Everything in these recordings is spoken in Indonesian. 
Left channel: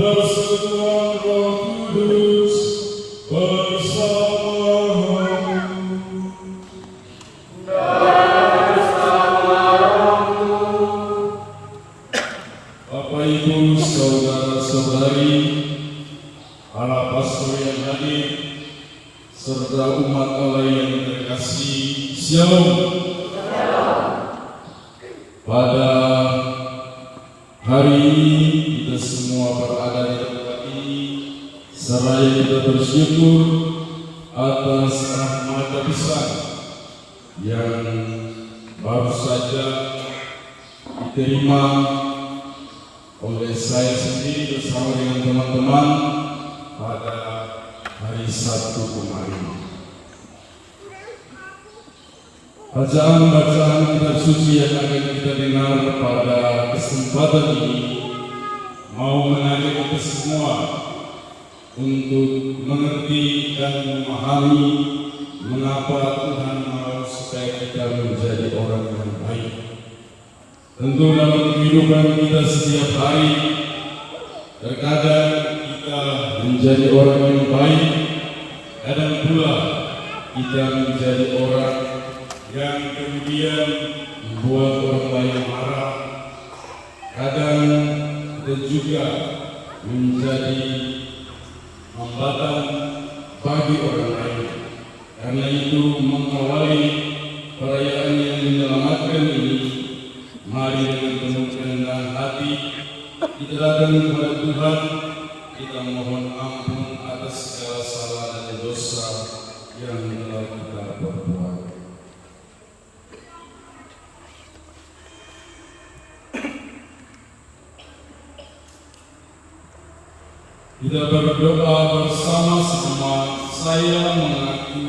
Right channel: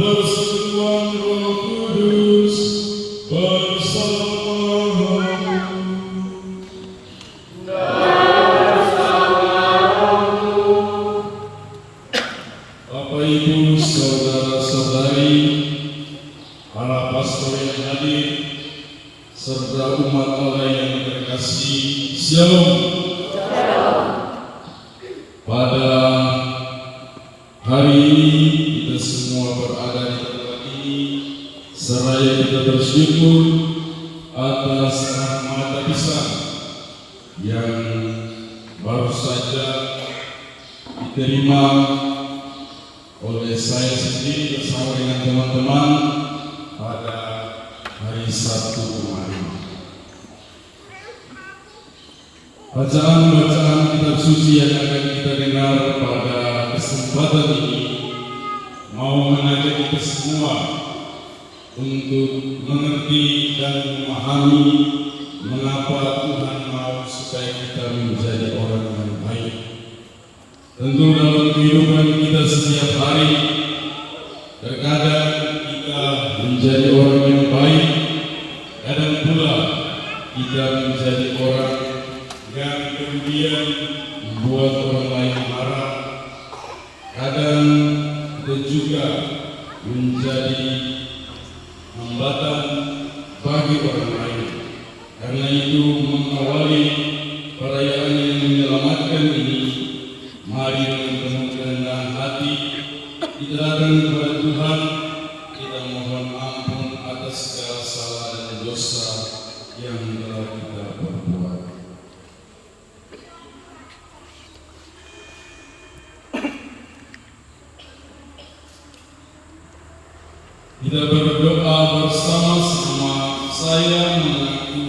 persekutuan Roh Kudus Bapak Ibu, saudara-saudari, para pastor yang hadir, serta umat Allah yang terkasih, Shalom. Pada hari ini kita semua berada di tempat ini, seraya kita bersyukur atas rahmat besar yang baru saja diterima oleh saya sendiri bersama dengan teman-teman pada hari Sabtu kemarin. Bacaan-bacaan kitab suci yang akan kita dengar pada kesempatan ini mau mengajak kita semua untuk mengerti dan memahami mengapa Tuhan mau supaya kita menjadi orang yang baik. Tentu dalam kehidupan kita setiap hari, terkadang kita menjadi orang yang baik, kadang pula kita menjadi orang yang kemudian membuat orang lain marah. Kadang kita juga menjadi hambatan bagi orang lain. Karena itu mengawali perayaan yang menyelamatkan ini, mari dengan kerendahan hati kita datang kepada Tuhan, kita mohon ampun atas segala salah dan dosa yang telah kita perbuat. Kita berdoa bersama-sama. Saya mengaku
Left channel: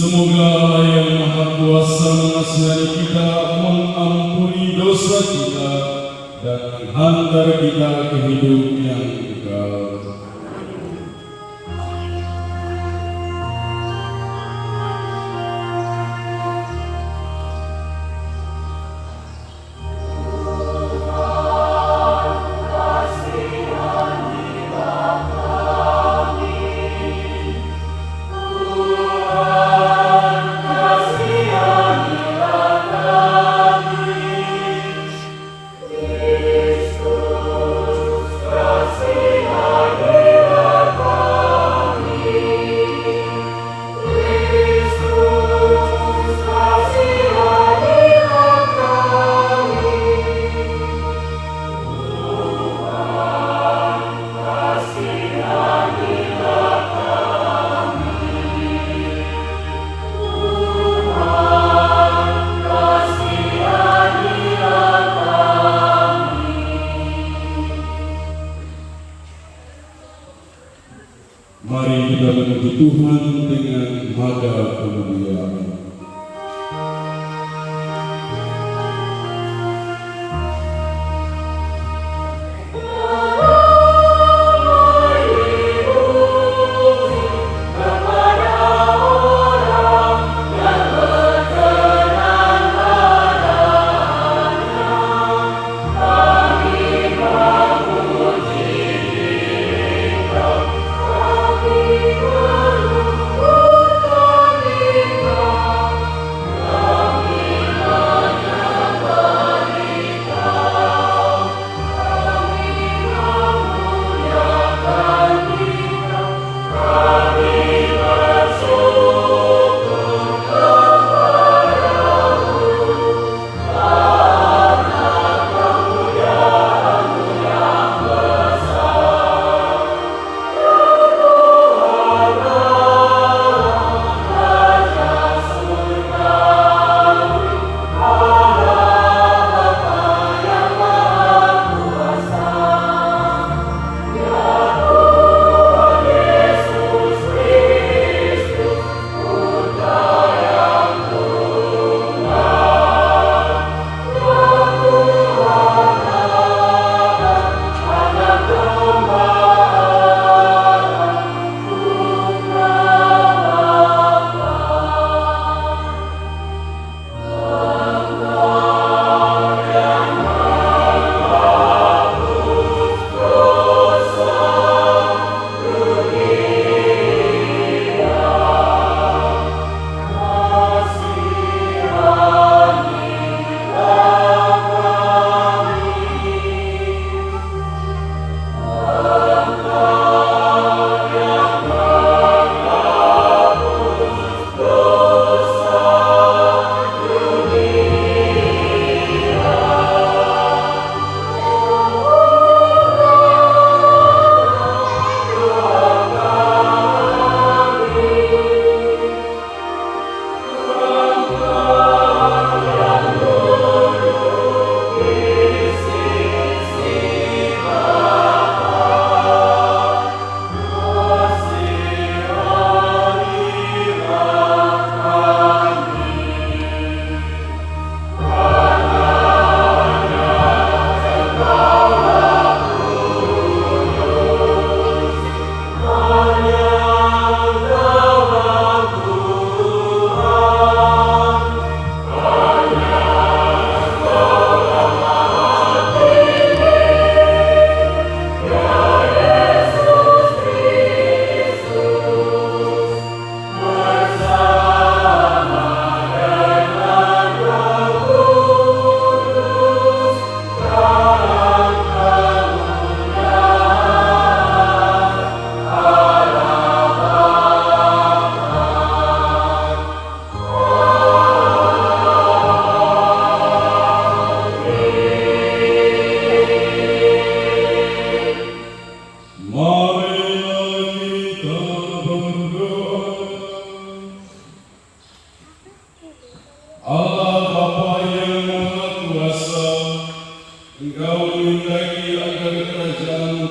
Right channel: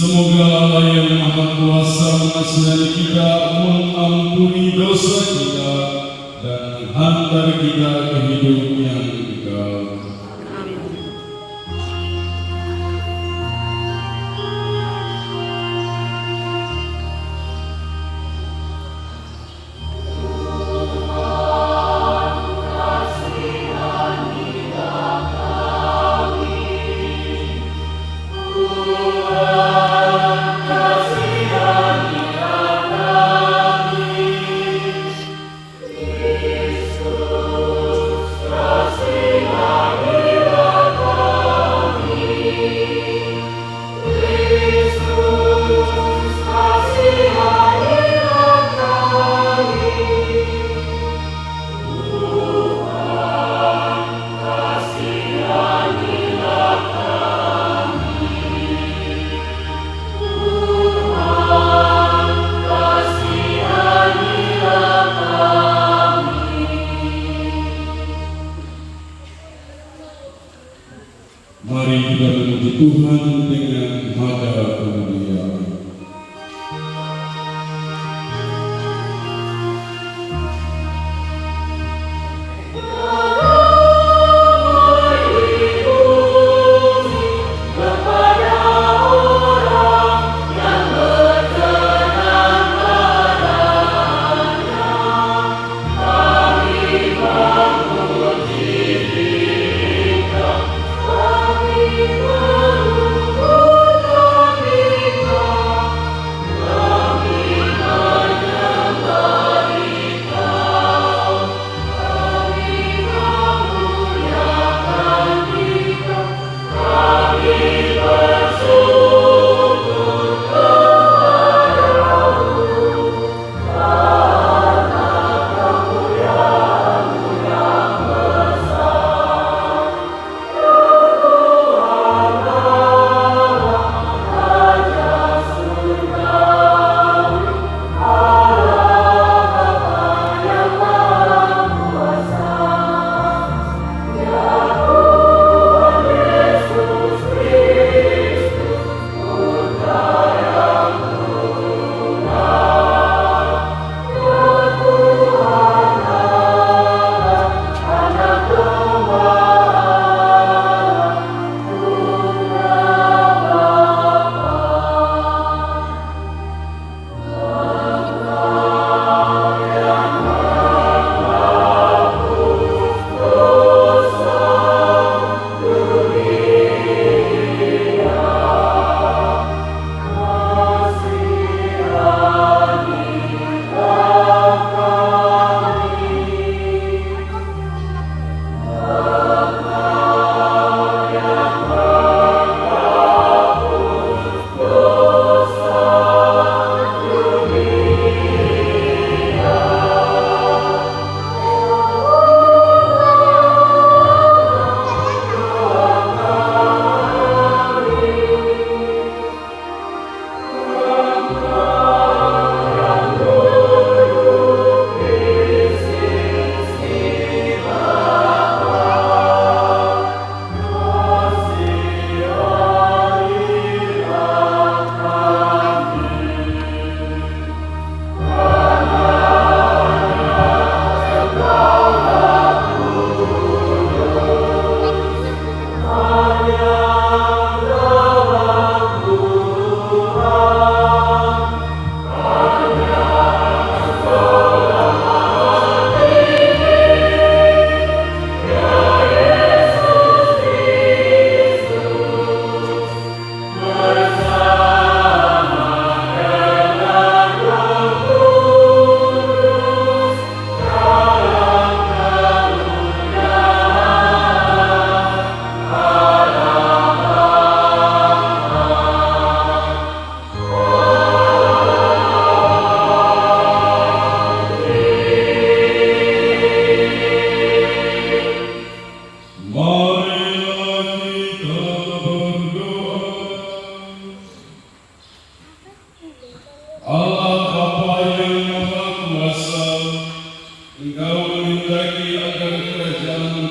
semoga Allah yang Maha Kuasa mengasihani kita, mengampuni dosa kita, dan menghantar kita ke hidup yang kekal. Mari kita memuji Tuhan dengan nada kemuliaan.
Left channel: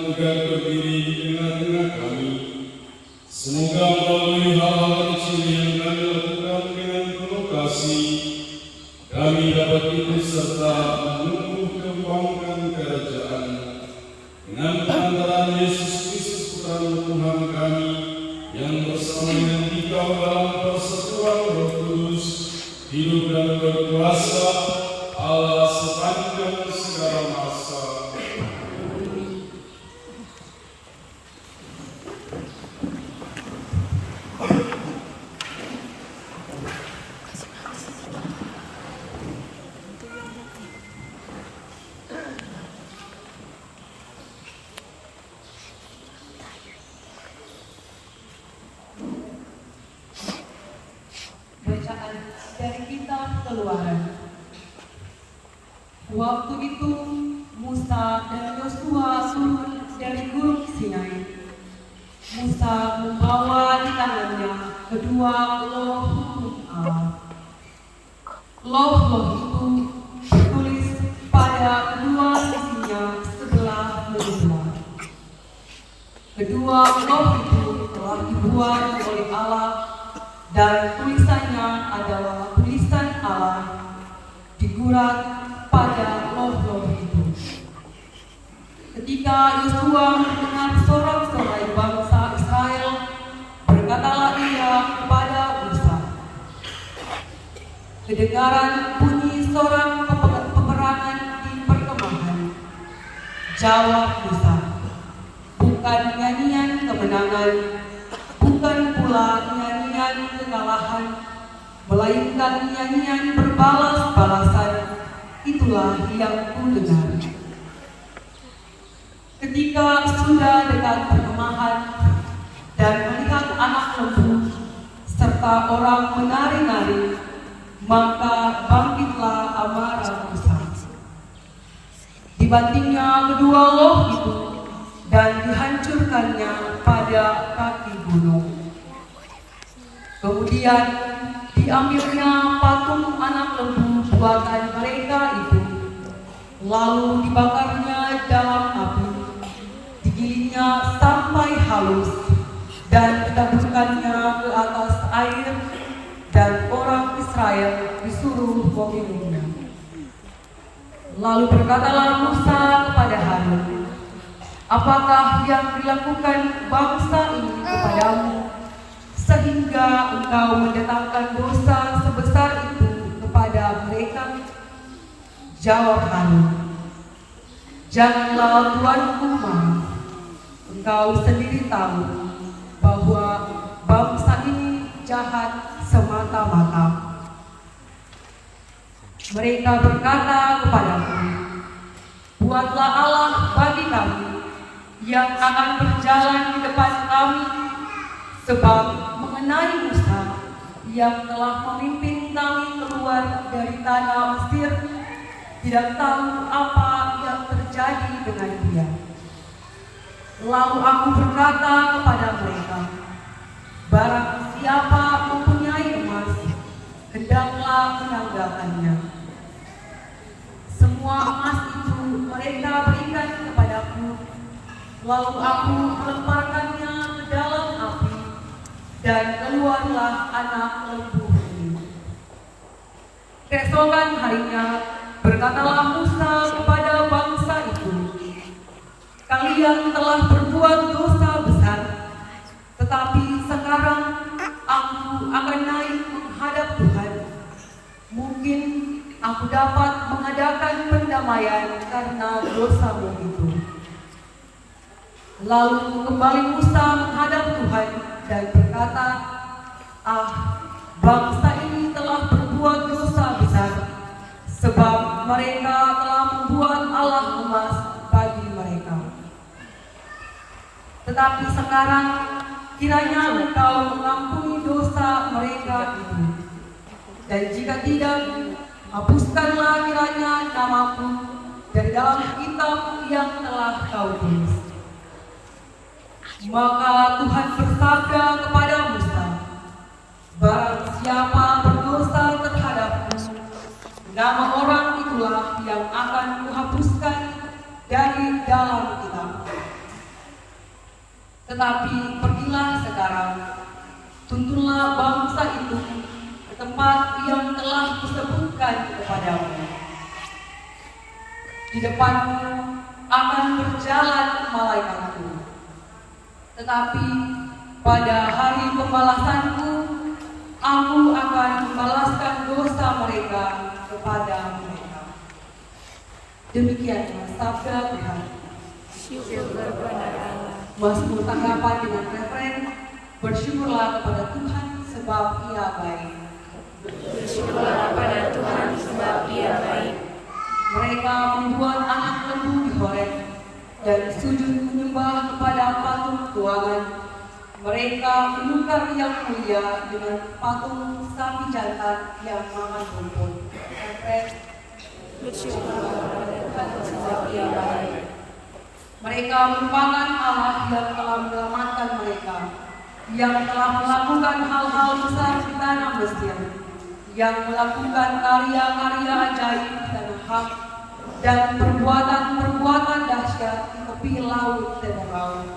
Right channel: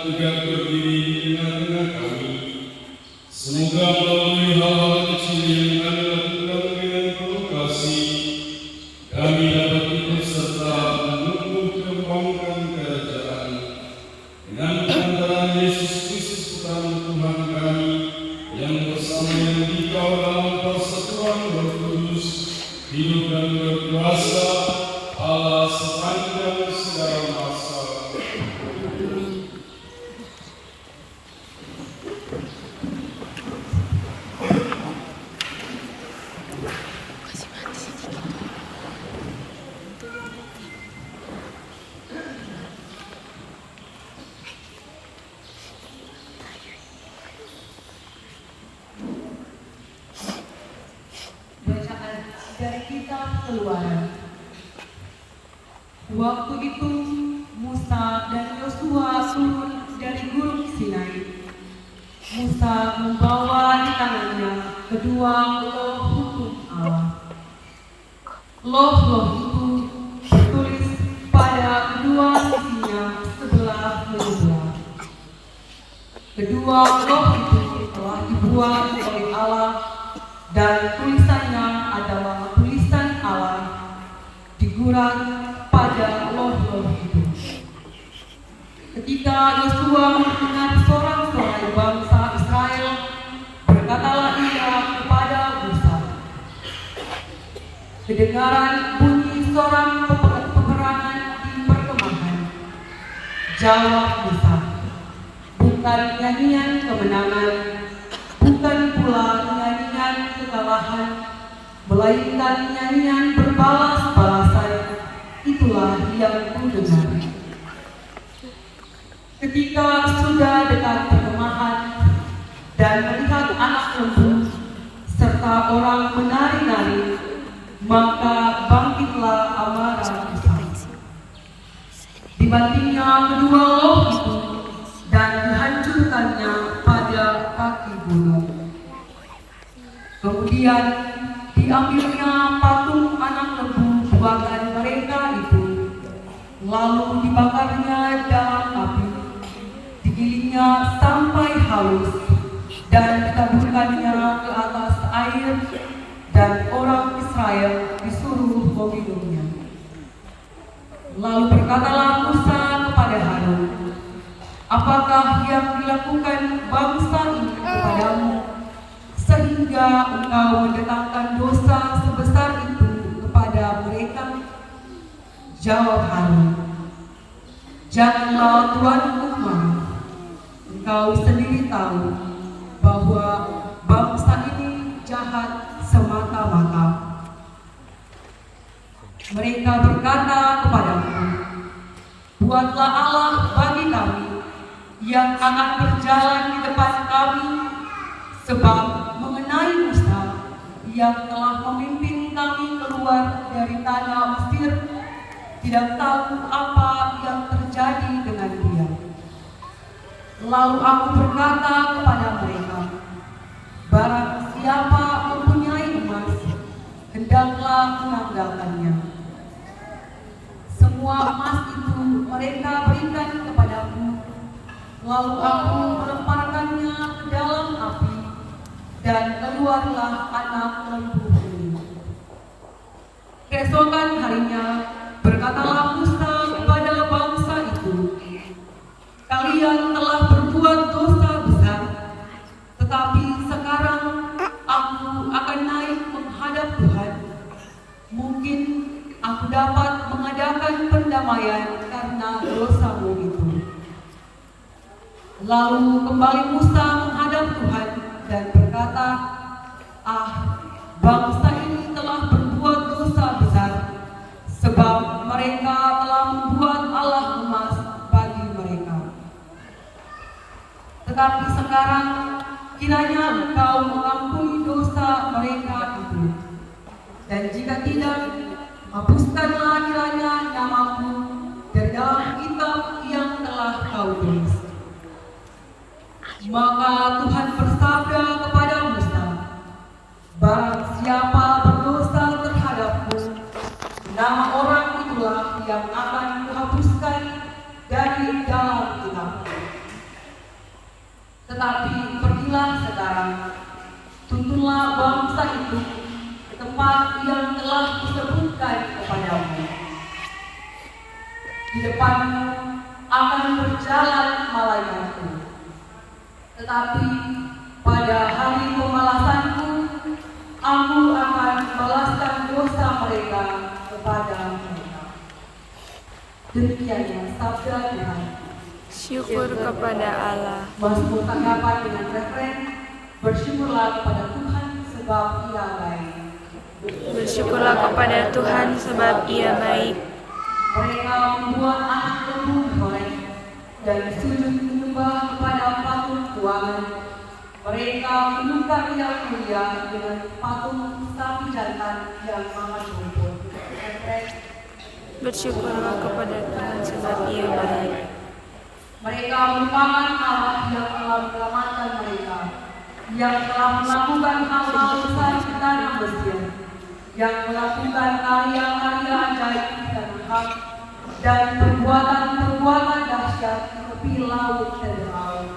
tegak berdiri di tengah-tengah kami. Semoga melalui hal-hal kecil yang kami lakukan dengan penuh kasih, kami dapat ikut serta menumbuh kembangkan kerajaan dengan pengantaran Yesus Kristus Putra Tuhan kami, yang bersama dengan Dikau dalam persekutuan Roh Kudus, hidup dan berkuasa Allah sepanjang segala masa. Dari kitab Keluaran. Waktu itu Musa dan Yosua turun dari Gunung Sinai. Musa membawa di tangannya kedua loh hukum Allah. Loh-loh itu tertulis pada kedua sisinya sebelah menyebelah. Kedua loh itu telah dibuat oleh Allah dan tulisannya adalah tulisan Allah digurat pada loh-loh itu. Ketika Yosua mendengar sorak-sorai bangsa Israel, berkatalah ia kepada Musa, kedengaran bunyi sorak peperangan di perkemahan. Jawab Musa, bukan nyanyian kemenangan, bukan pula nyanyian kekalahan, melainkan nyanyian berbalas-balasan. Itulah yang kudengar. Ketika sudah dekat perkemahan dan melihat anak lembu serta orang menari-nari, maka bangkitlah amarah Musa. Dibantingnya kedua loh itu dan dihancurkannya pada kaki gunung. Kemudian diambilnya patung anak lembu buatan mereka itu, lalu dibakarnya dalam api, digilingnya sampai halus, dan ditaburkannya ke atas air, dan orang Israel disuruh meminumnya. Lalu berkatalah Musa kepada Harun, apakah yang dilakukan bangsa ini kepadamu, sehingga engkau mendatangkan dosa sebesar itu kepada mereka? Jawab Harun, janganlah Tuanku marah. Engkau sendiri tahu bahwa bangsa ini jahat semata-mata. Mereka berkata kepadaku, buatlah Allah bagi kami yang akan berjalan di depan kami, sebab mengenai Musa yang telah memimpin kami keluar dari tanah Mesir, tidak tahu apa yang terjadi dengan dia. Lalu aku berkata kepada mereka, barang siapa mempunyai emas, hendaklah menanggalkannya. Semua emas itu mereka berikan kepadaku, lalu aku melemparkannya ke dalam api, dan keluarlah anak lembu itu. Keesokan harinya berkatalah Musa kepada bangsa itu, kalian telah berbuat dosa besar, tetapi sekarang aku akan naik menghadap Tuhan. Mungkin aku dapat mengadakan pendamaian karena dosamu itu. Lalu kembali Musa menghadap Tuhan dan berkata, bangsa ini telah berbuat dosa besar, sebab mereka telah membuat Allah emas bagi mereka. Tetapi sekarang kiranya engkau mengampuni dosa mereka itu, dan jika tidak, hapuskanlah kiranya namaku dari dalam kitab yang telah kau tulis. Maka Tuhan bersabda kepada Musa, barang siapa berdosa terhadapku, nama orang itulah yang akan kuhapuskan dari dalam kitab. tuntunlah bangsa itu ke tempat yang telah disebutkan kepadamu. Di depanmu akan berjalan malaikatku, tetapi pada hari pembalasanku, aku akan membalaskan dosa mereka kepada mereka. Demikianlah sabda Tuhan. Syukur kepada Allah. Mazmur tanggapan dengan referen, bersyukurlah kepada Tuhan sebab Ia baik. Bersyukurlah kepada Tuhan sebab Ia baik. Mereka membuat anak lembu di Horeb dan sujud menyembah kepada patung tuangan. Mereka menukar yang mulia dengan patung sapi jantan yang makan rumput. Bersyukurlah kepada Tuhan sebab Ia baik. Mereka merupakan Allah yang telah menyelamatkan mereka, yang telah melakukan hal-hal besar di tanah Mesir, yang melakukan karya-karya ajaib di tanah Ham, dan perbuatan-perbuatan dahsyat di tepi laut dan laut.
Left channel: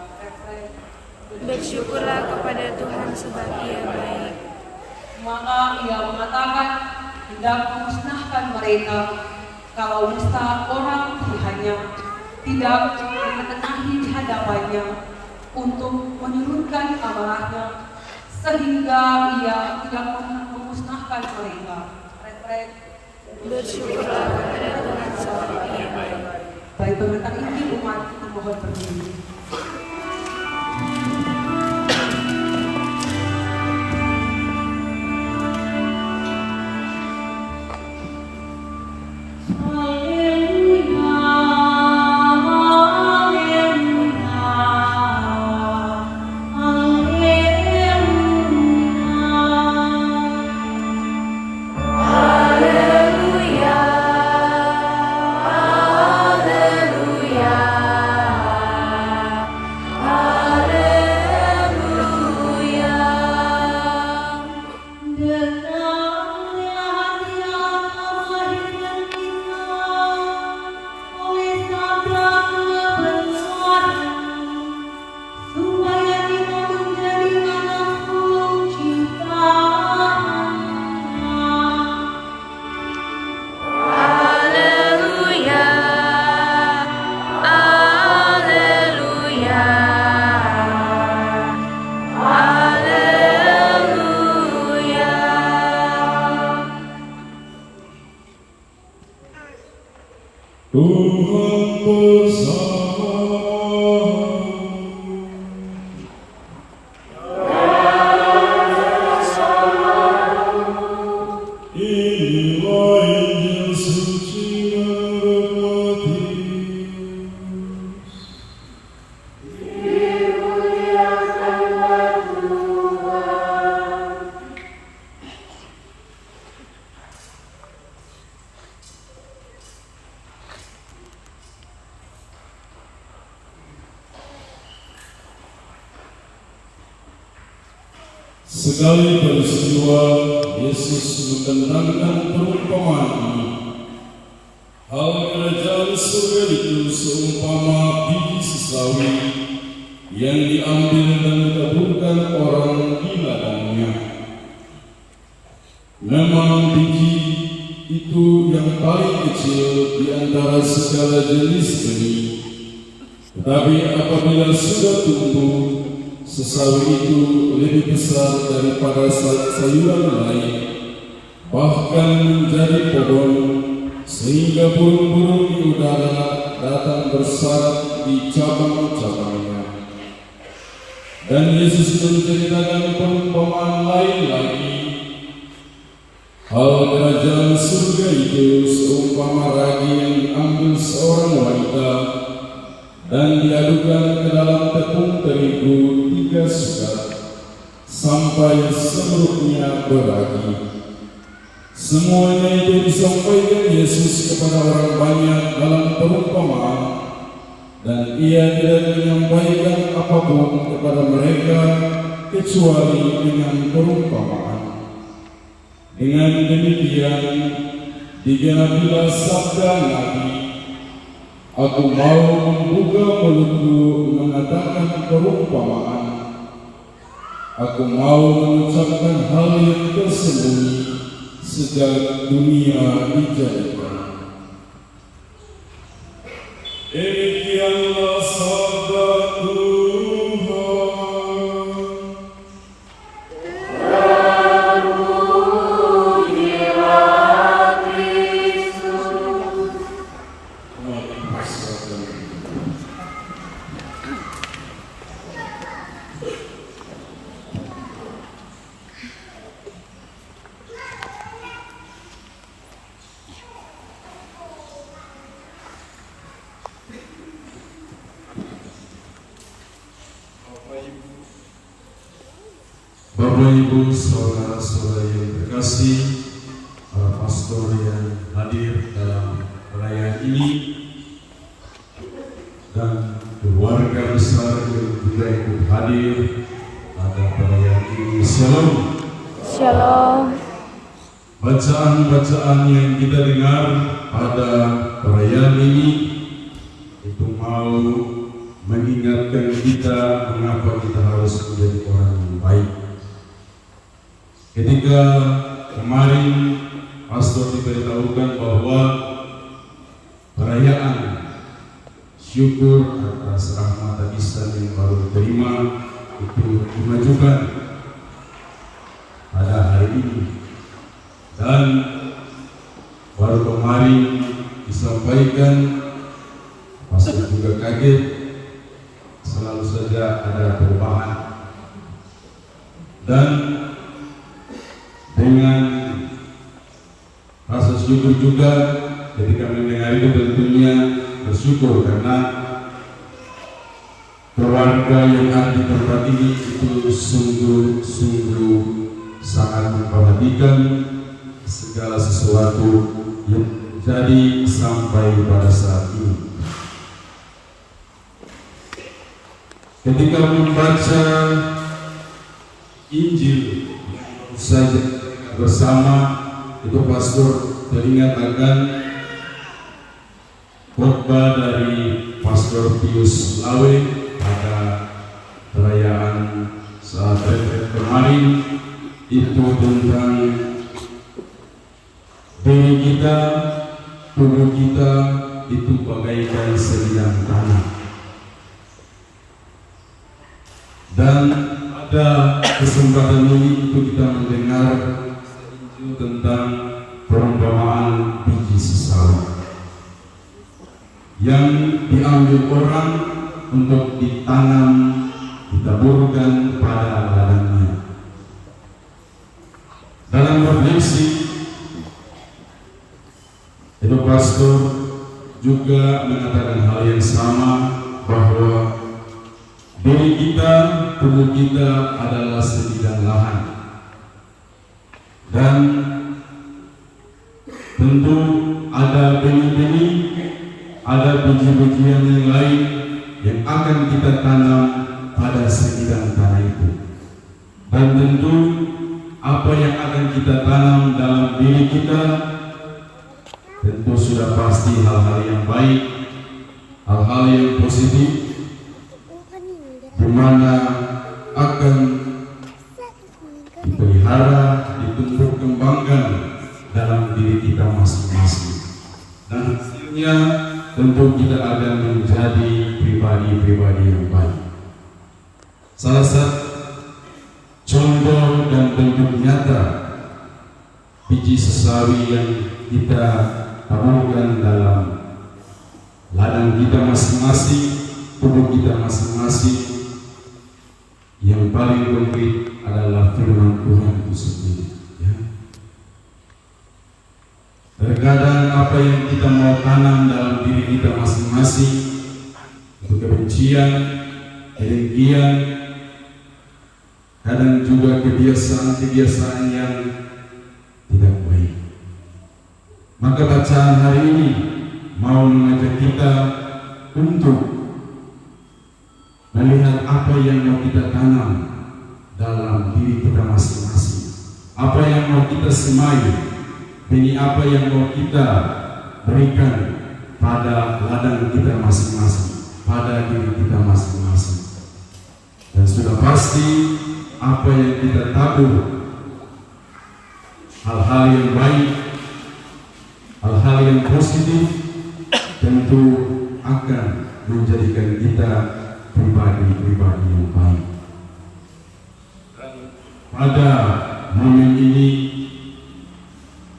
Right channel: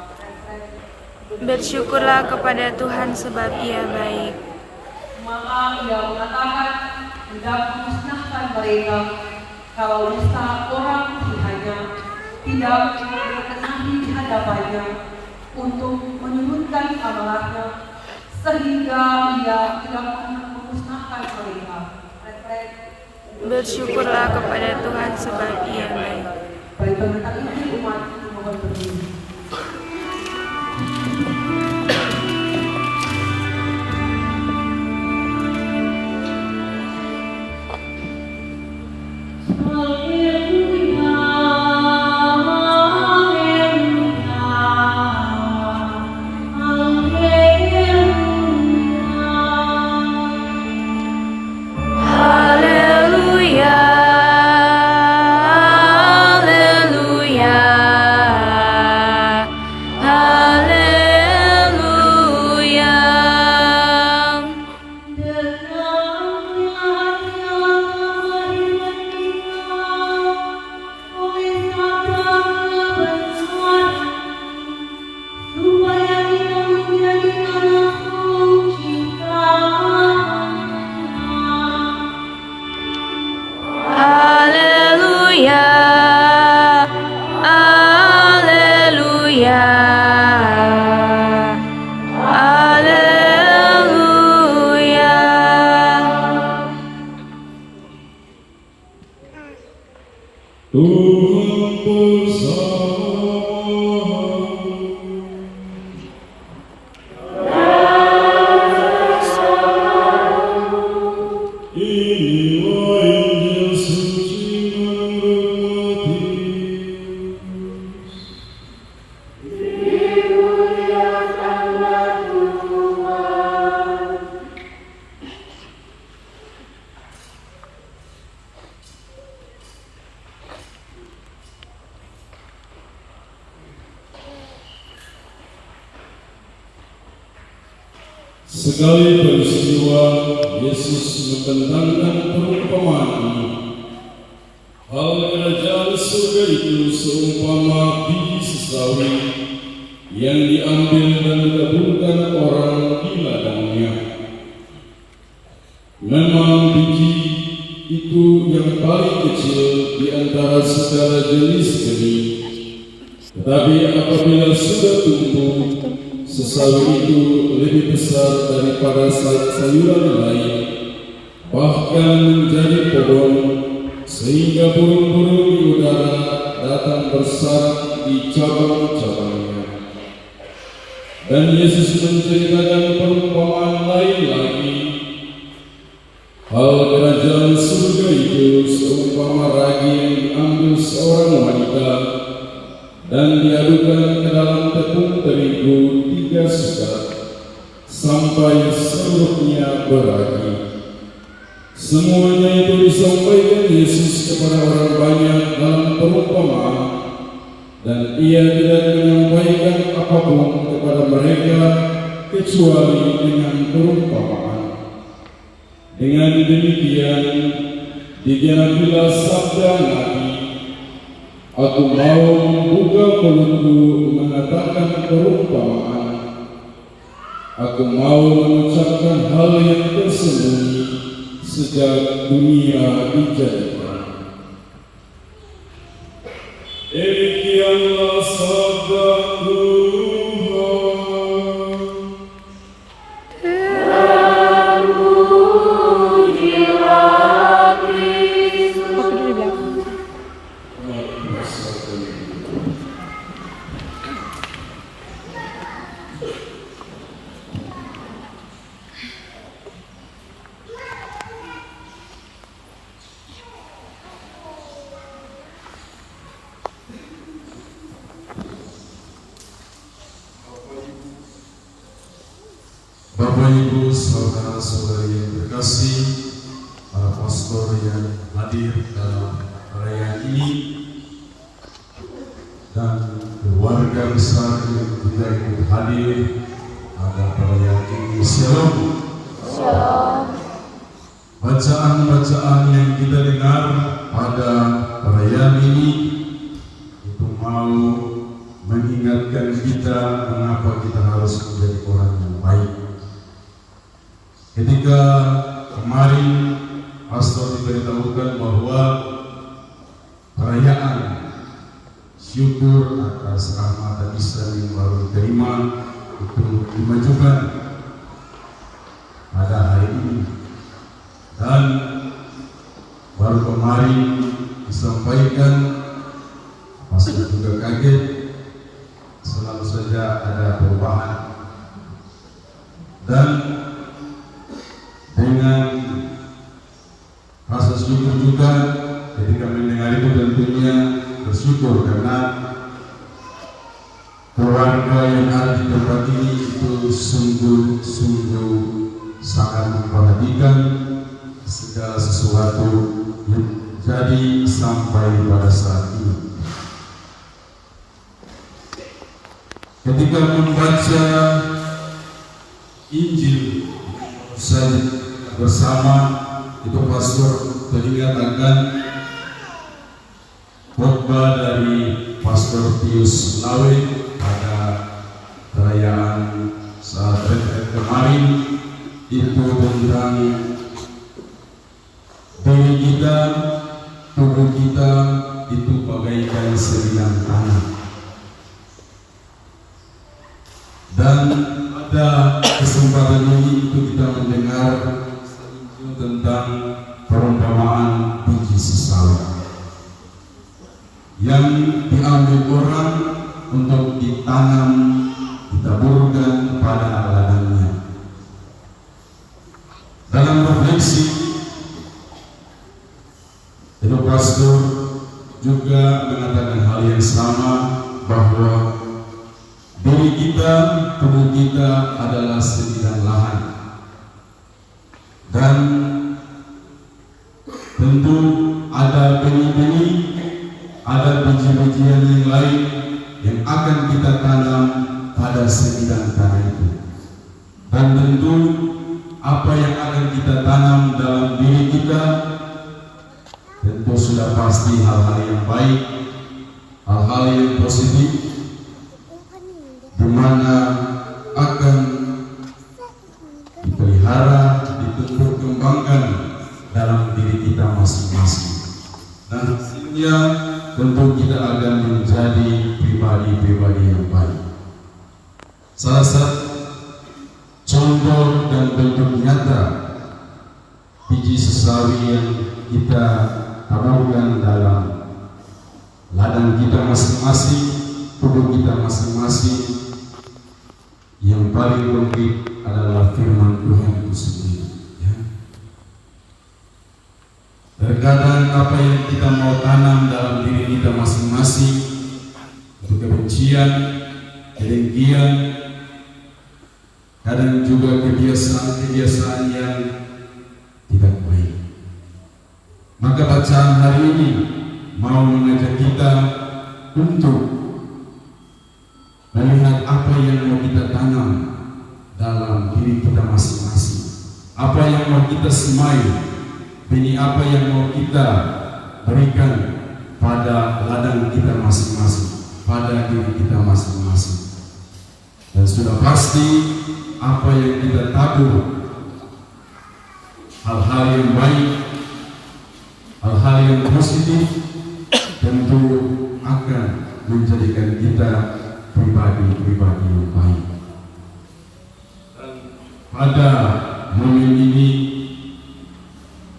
Bersyukurlah kepada Tuhan sebab Ia baik. Maka Ia mengatakan, hendak musnahkan mereka, kalau misal orang pilihannya tidak mengenahi di hadapannya untuk menurunkan amarahnya, sehingga Ia tidak memusnahkan mereka. Bersyukurlah kepada Tuhan sebab Ia baik. Baik berkata ini umat itu mohon berdiri. Tuhan bersama. Inilah Injil suci menurut Matius. Dimuliakanlah Tuhan. Sekali peristiwa Yesus mententangkan perumpamaan ini. Hal kerajaan surga itu seumpama biji sesawi yang diambil dan ditaburkan orang di ladangnya. Memang biji itu yang paling kecil di antara segala jenis benih, tetapi apabila sudah tumbuh, sesawi itu lebih besar daripada sayuran lain, bahkan menjadi pohon, sehingga burung-burung di udara datang bersarang di cabang-cabangnya. Dan Yesus menceritakan perumpamaan lain lagi. Hal kerajaan surga itu seumpama ragi yang diambil seorang wanita dan diadukan ke dalam tepung terigu 3 sukat sampai seluruhnya beragi. Semuanya itu disampaikan Yesus kepada orang banyak dalam perumpamaan, dan Ia tidak menyampaikan apapun kepada mereka kecuali dengan perumpamaan. Dengan demikian digenapilah sabda Nabi, "Aku mau membuka mulutku mengatakan perumpamaan." Aku mau mengucapkan hal yang tersembunyi sejak dunia dijadikan. Demikianlah sabda Tuhan. Bapak Ibu, saudara-saudari yang terkasih, para pastor yang hadir dalam perayaan ini dan keluarga besar yang juga ikut hadir pada perayaan ini. Shalom. Shalom. Bacaan-bacaan yang kita dengar pada perayaan ini itu mau mengingatkan kita mengapa kita harus menjadi orang yang baik. Ketika kemarin pastor diberitahukan bahwa perayaan syukur atas rahmat Tuhan yang baru diterima itu dimajukan pada hari ini, dan baru kemarin disampaikan, pastor juga kaget, selalu saja ada perubahan. Dan dengan rasa syukur juga ketika mendengar itu tentunya bersyukur karena keluarga yang ada di tempat ini itu sungguh-sungguh sangat memperhatikan segala sesuatu yang terjadi sampai pada saat ini. Ketika membaca Injil saja bersama itu, pastor teringat akan khotbah dari Pastor Pius Lawe pada perayaan saat kemarin, itu tentang diri kita, tubuh kita itu bagaikan sebidang tanah. Dan pada kesempatan ini itu kita mendengar tentang perumpamaan biji sesala yang diambil orang untuk ditanam, ditaburkan pada ladangnya. Dalam refleksi itu pastor juga mengatakan hal yang sama, bahwa diri kita, tubuh kita adalah sebidang lahan, dan tentu ada benih-benih, ada biji-bijian yang lain yang akan kita tanam pada sebidang tanah itu. Dan tentu apa yang akan kita tanam dalam diri kita tentu sudah pasti hal-hal yang baik, hal-hal yang positif, di mana akan dipelihara, ditumbuh kembangkan dalam diri kita masing-masing, dan hasilnya tentu kita akan menjadi pribadi-pribadi yang baik. Salah satu contoh dan bentuk nyata biji sesawi yang kita taburkan dalam ladang kita masing-masing, tubuh kita masing-masing, yang paling konkret adalah firman Tuhan itu sendiri. Ya. Terkadang apa yang kita mau tanam dalam diri kita masing-masing, itu kebencian, kedengkian, kadang juga kebiasaan-kebiasaan yang tidak baik. Maka bacaan hari ini mau mengajak kita untuk melihat apa yang mau kita tanam dalam diri kita masing-masing, apa yang mau kita semai, benih apa yang mau kita berikan pada ladang kita masing-masing, pada diri kita masing-masing. Dan sudah pasti apa yang kita tabur, hal-hal yang baik, hal-hal yang positif, tentu akan menjadikan kita pribadi-pribadi yang baik. Dan pada momen ini,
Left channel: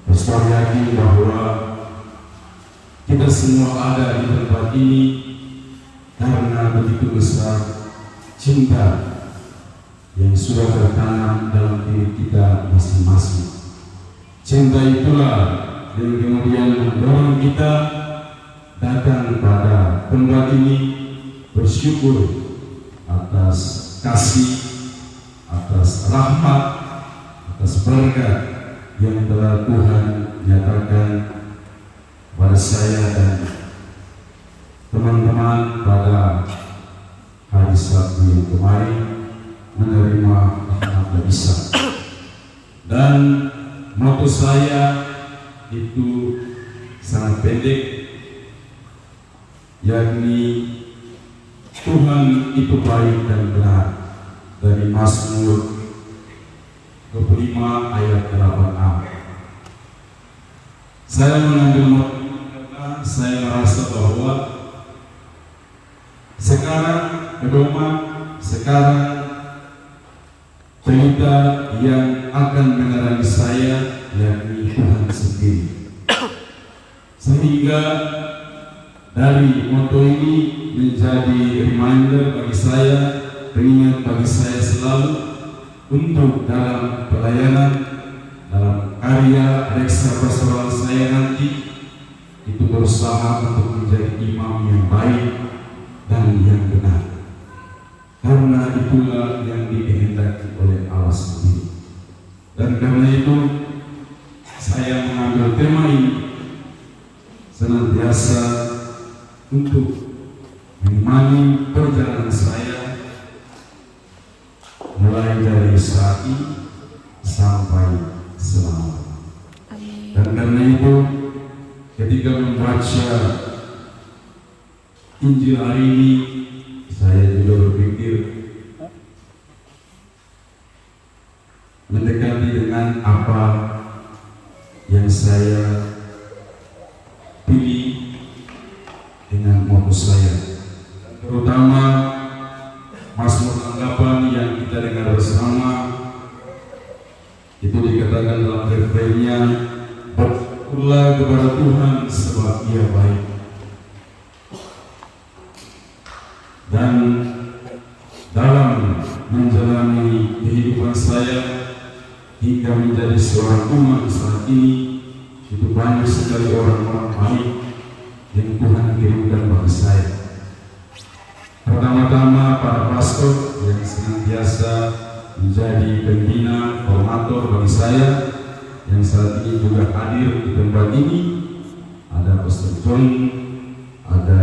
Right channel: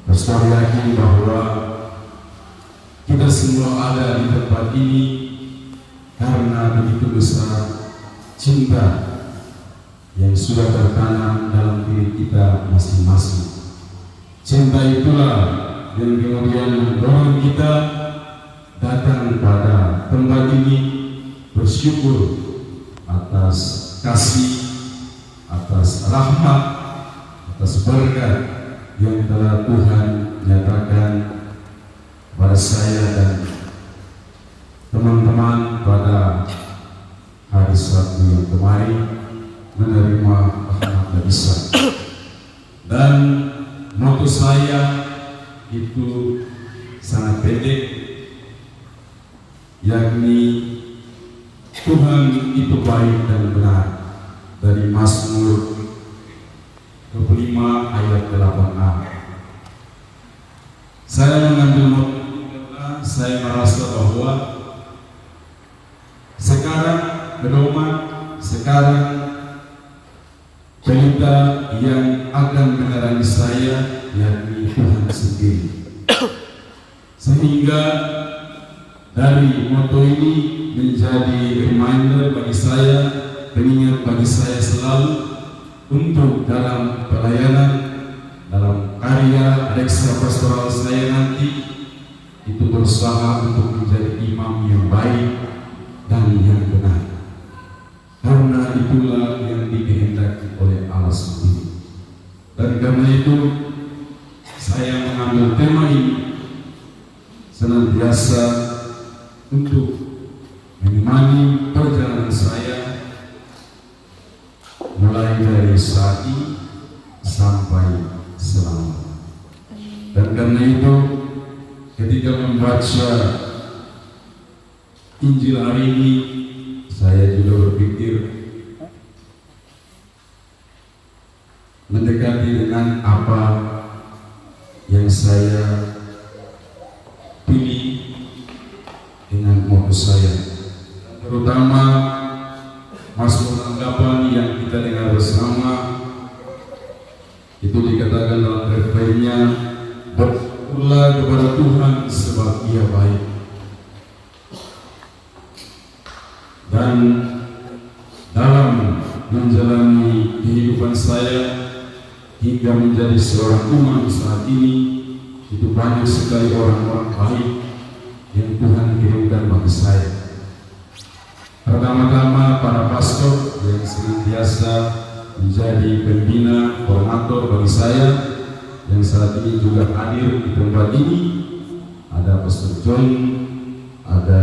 Pastor yakin bahwa kita semua ada di tempat ini karena begitu besar cinta yang sudah tertanam dalam diri kita masing-masing. Cinta itulah yang kemudian mendorong kita datang pada tempat ini bersyukur atas kasih, atas rahmat, atas berkat yang telah Tuhan nyatakan pada saya dan teman-teman pada hari Sabtu yang kemarin menerima rahmat dari Isa. Dan moto saya itu sangat pendek, yakni Tuhan itu baik dan benar, dari Mazmur 25 ayat 8a. Saya mengambil moto karena saya merasa bahwa sekarang pedoman, sekarang pelita yang akan menerangi saya yakni Tuhan sendiri. Sehingga dari moto ini menjadi reminder bagi saya, pengingat bagi saya selalu untuk dalam pelayanan, dalam karya reksa pastoral saya nanti itu berusaha untuk menjadi imam yang baik dan yang benar, karena itulah yang dikehendaki oleh Allah sendiri. Dan karena itu saya mengambil tema ini senantiasa untuk menemani perjalanan saya mulai dari saat ini sampai selama. Dan karena itu ketika membaca Injil hari ini, saya juga berpikir mendekati dengan apa yang saya pilih dengan moto saya, terutama Mazmur 8 yang kita dengar bersama. Itu dikatakan dalam refrennya, bersyukurlah kepada Tuhan sebab Ia baik. Dan dalam menjalani kehidupan saya hingga menjadi seorang imam saat ini, itu banyak sekali orang-orang baik yang Tuhan kirimkan bagi saya. Pertama-tama para pastor yang senantiasa menjadi pembina, formator bagi saya, yang saat ini juga hadir di tempat ini. Ada Pastor John, ada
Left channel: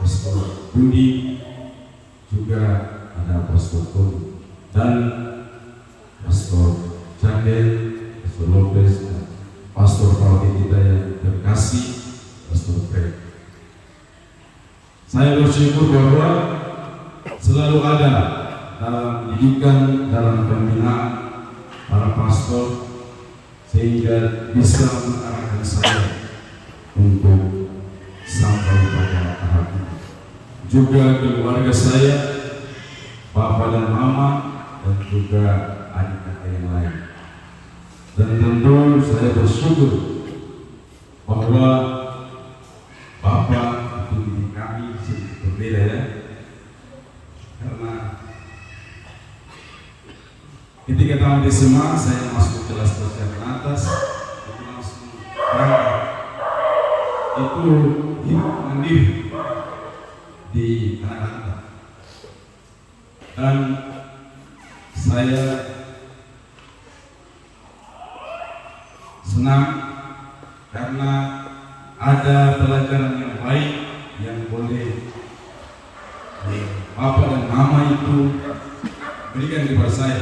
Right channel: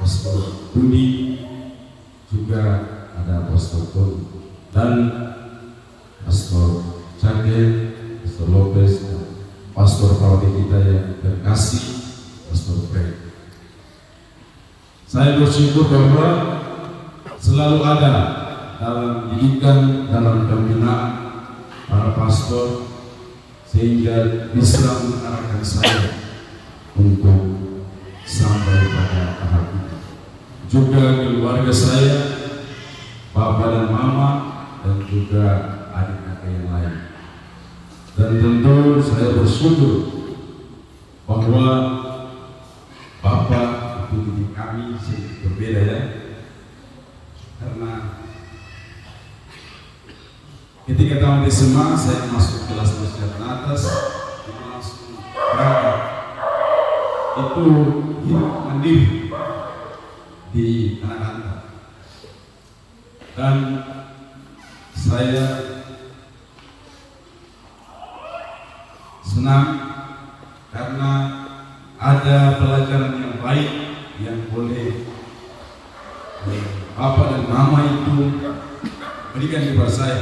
Pastor Budi, juga ada Pastor Tony, dan Pastor Chandel, Pastor Lopez, Pastor Parodi kita yang terkasih, Pastor Fred. Saya bersyukur bahwa selalu ada dalam didikan, dalam pembinaan para pastor, sehingga bisa mengarahkan saya untuk sampai pada tahap itu. Juga keluarga saya, Bapak dan Mama, dan juga adik-adik yang lain. Dan tentu saya bersyukur bahwa Bapak itu di kami sedikit berbeda, ya. Karena ketika tahun SMA saya masuk kelas persiapan atas, itu langsung berangkat. Itu hidup mandiri di anak-anak. Dan saya senang karena ada pelajaran yang baik yang boleh Bapak dan Mama itu berikan kepada saya.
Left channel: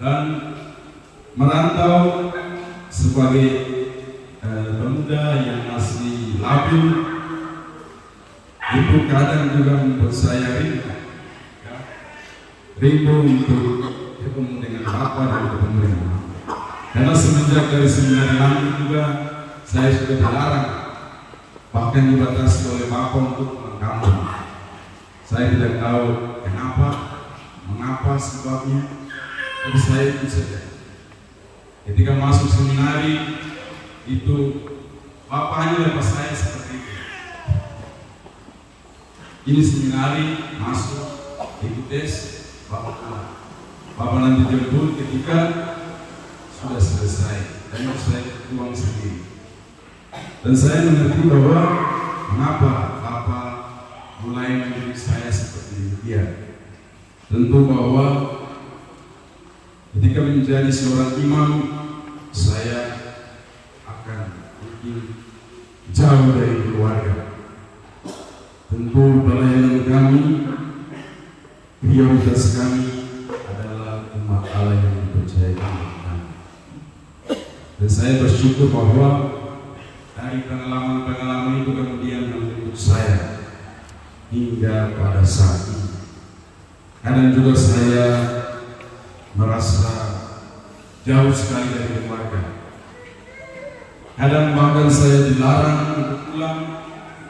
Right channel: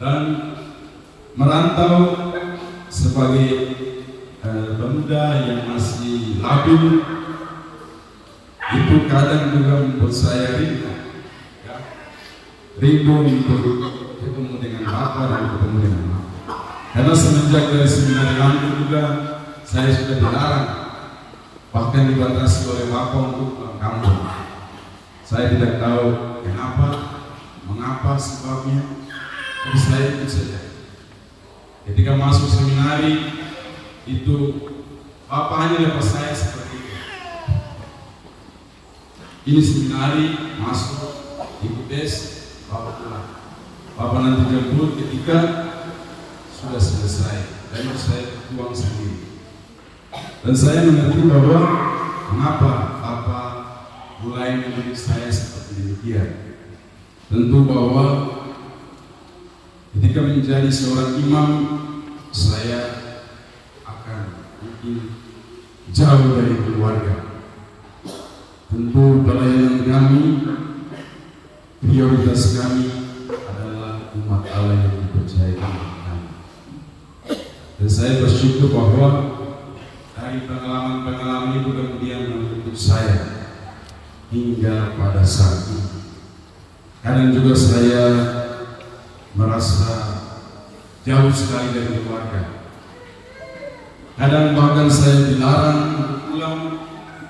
Dan merantau sebagai pemuda yang masih labil, itu kadang juga membuat saya rindu untuk ketemu dengan Bapak dan ketemu dengan Mama. Karena semenjak dari seminari juga saya sudah dilarang, bahkan dibatasi oleh Bapak untuk pulang kampung. Saya tidak tahu kenapa, mengapa sebabnya, tapi saya itu saja. Ketika masuk seminari itu Bapak hanya lepas saya seperti itu. Ini seminari masuk ikut tes, Bapak pulang. Bapak nanti jemput ketika sudah selesai, dan saya pulang sendiri. Dan saya mengerti bahwa mengapa Bapak mulai mendidik saya seperti demikian. Tentu bahwa ketika menjadi seorang imam, saya akan mungkin jauh dari keluarga. Tentu pelayanan kami, prioritas kami adalah umat Allah yang dipercaya dengan kami. Dan saya bersyukur bahwa dari pengalaman-pengalaman itu kemudian membentuk saya hingga pada saat ini. Kadang juga saya merasa jauh sekali dari keluarga. Kadang bahkan saya dilarang untuk pulang,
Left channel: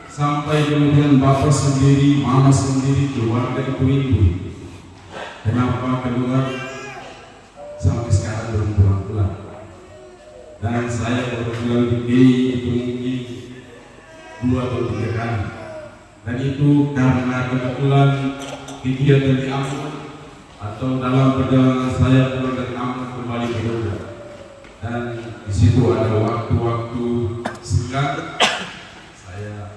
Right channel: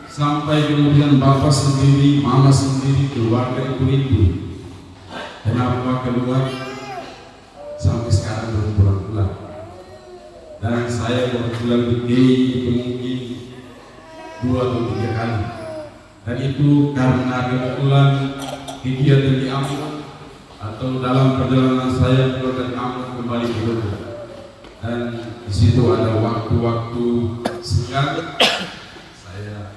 sampai kemudian Bapak sendiri, Mama sendiri, keluarga itu rindu. Kenapa keluar? Sampai sekarang belum pulang-pulang. Dan saya baru pulang di GI itu mungkin 2 atau 3 kali. Dan itu karena kebetulan kegiatan di Ambon atau dalam perjalanan saya pulang dari Ambon kembali ke Jogja. Dan di situ ada waktu-waktu singkat saya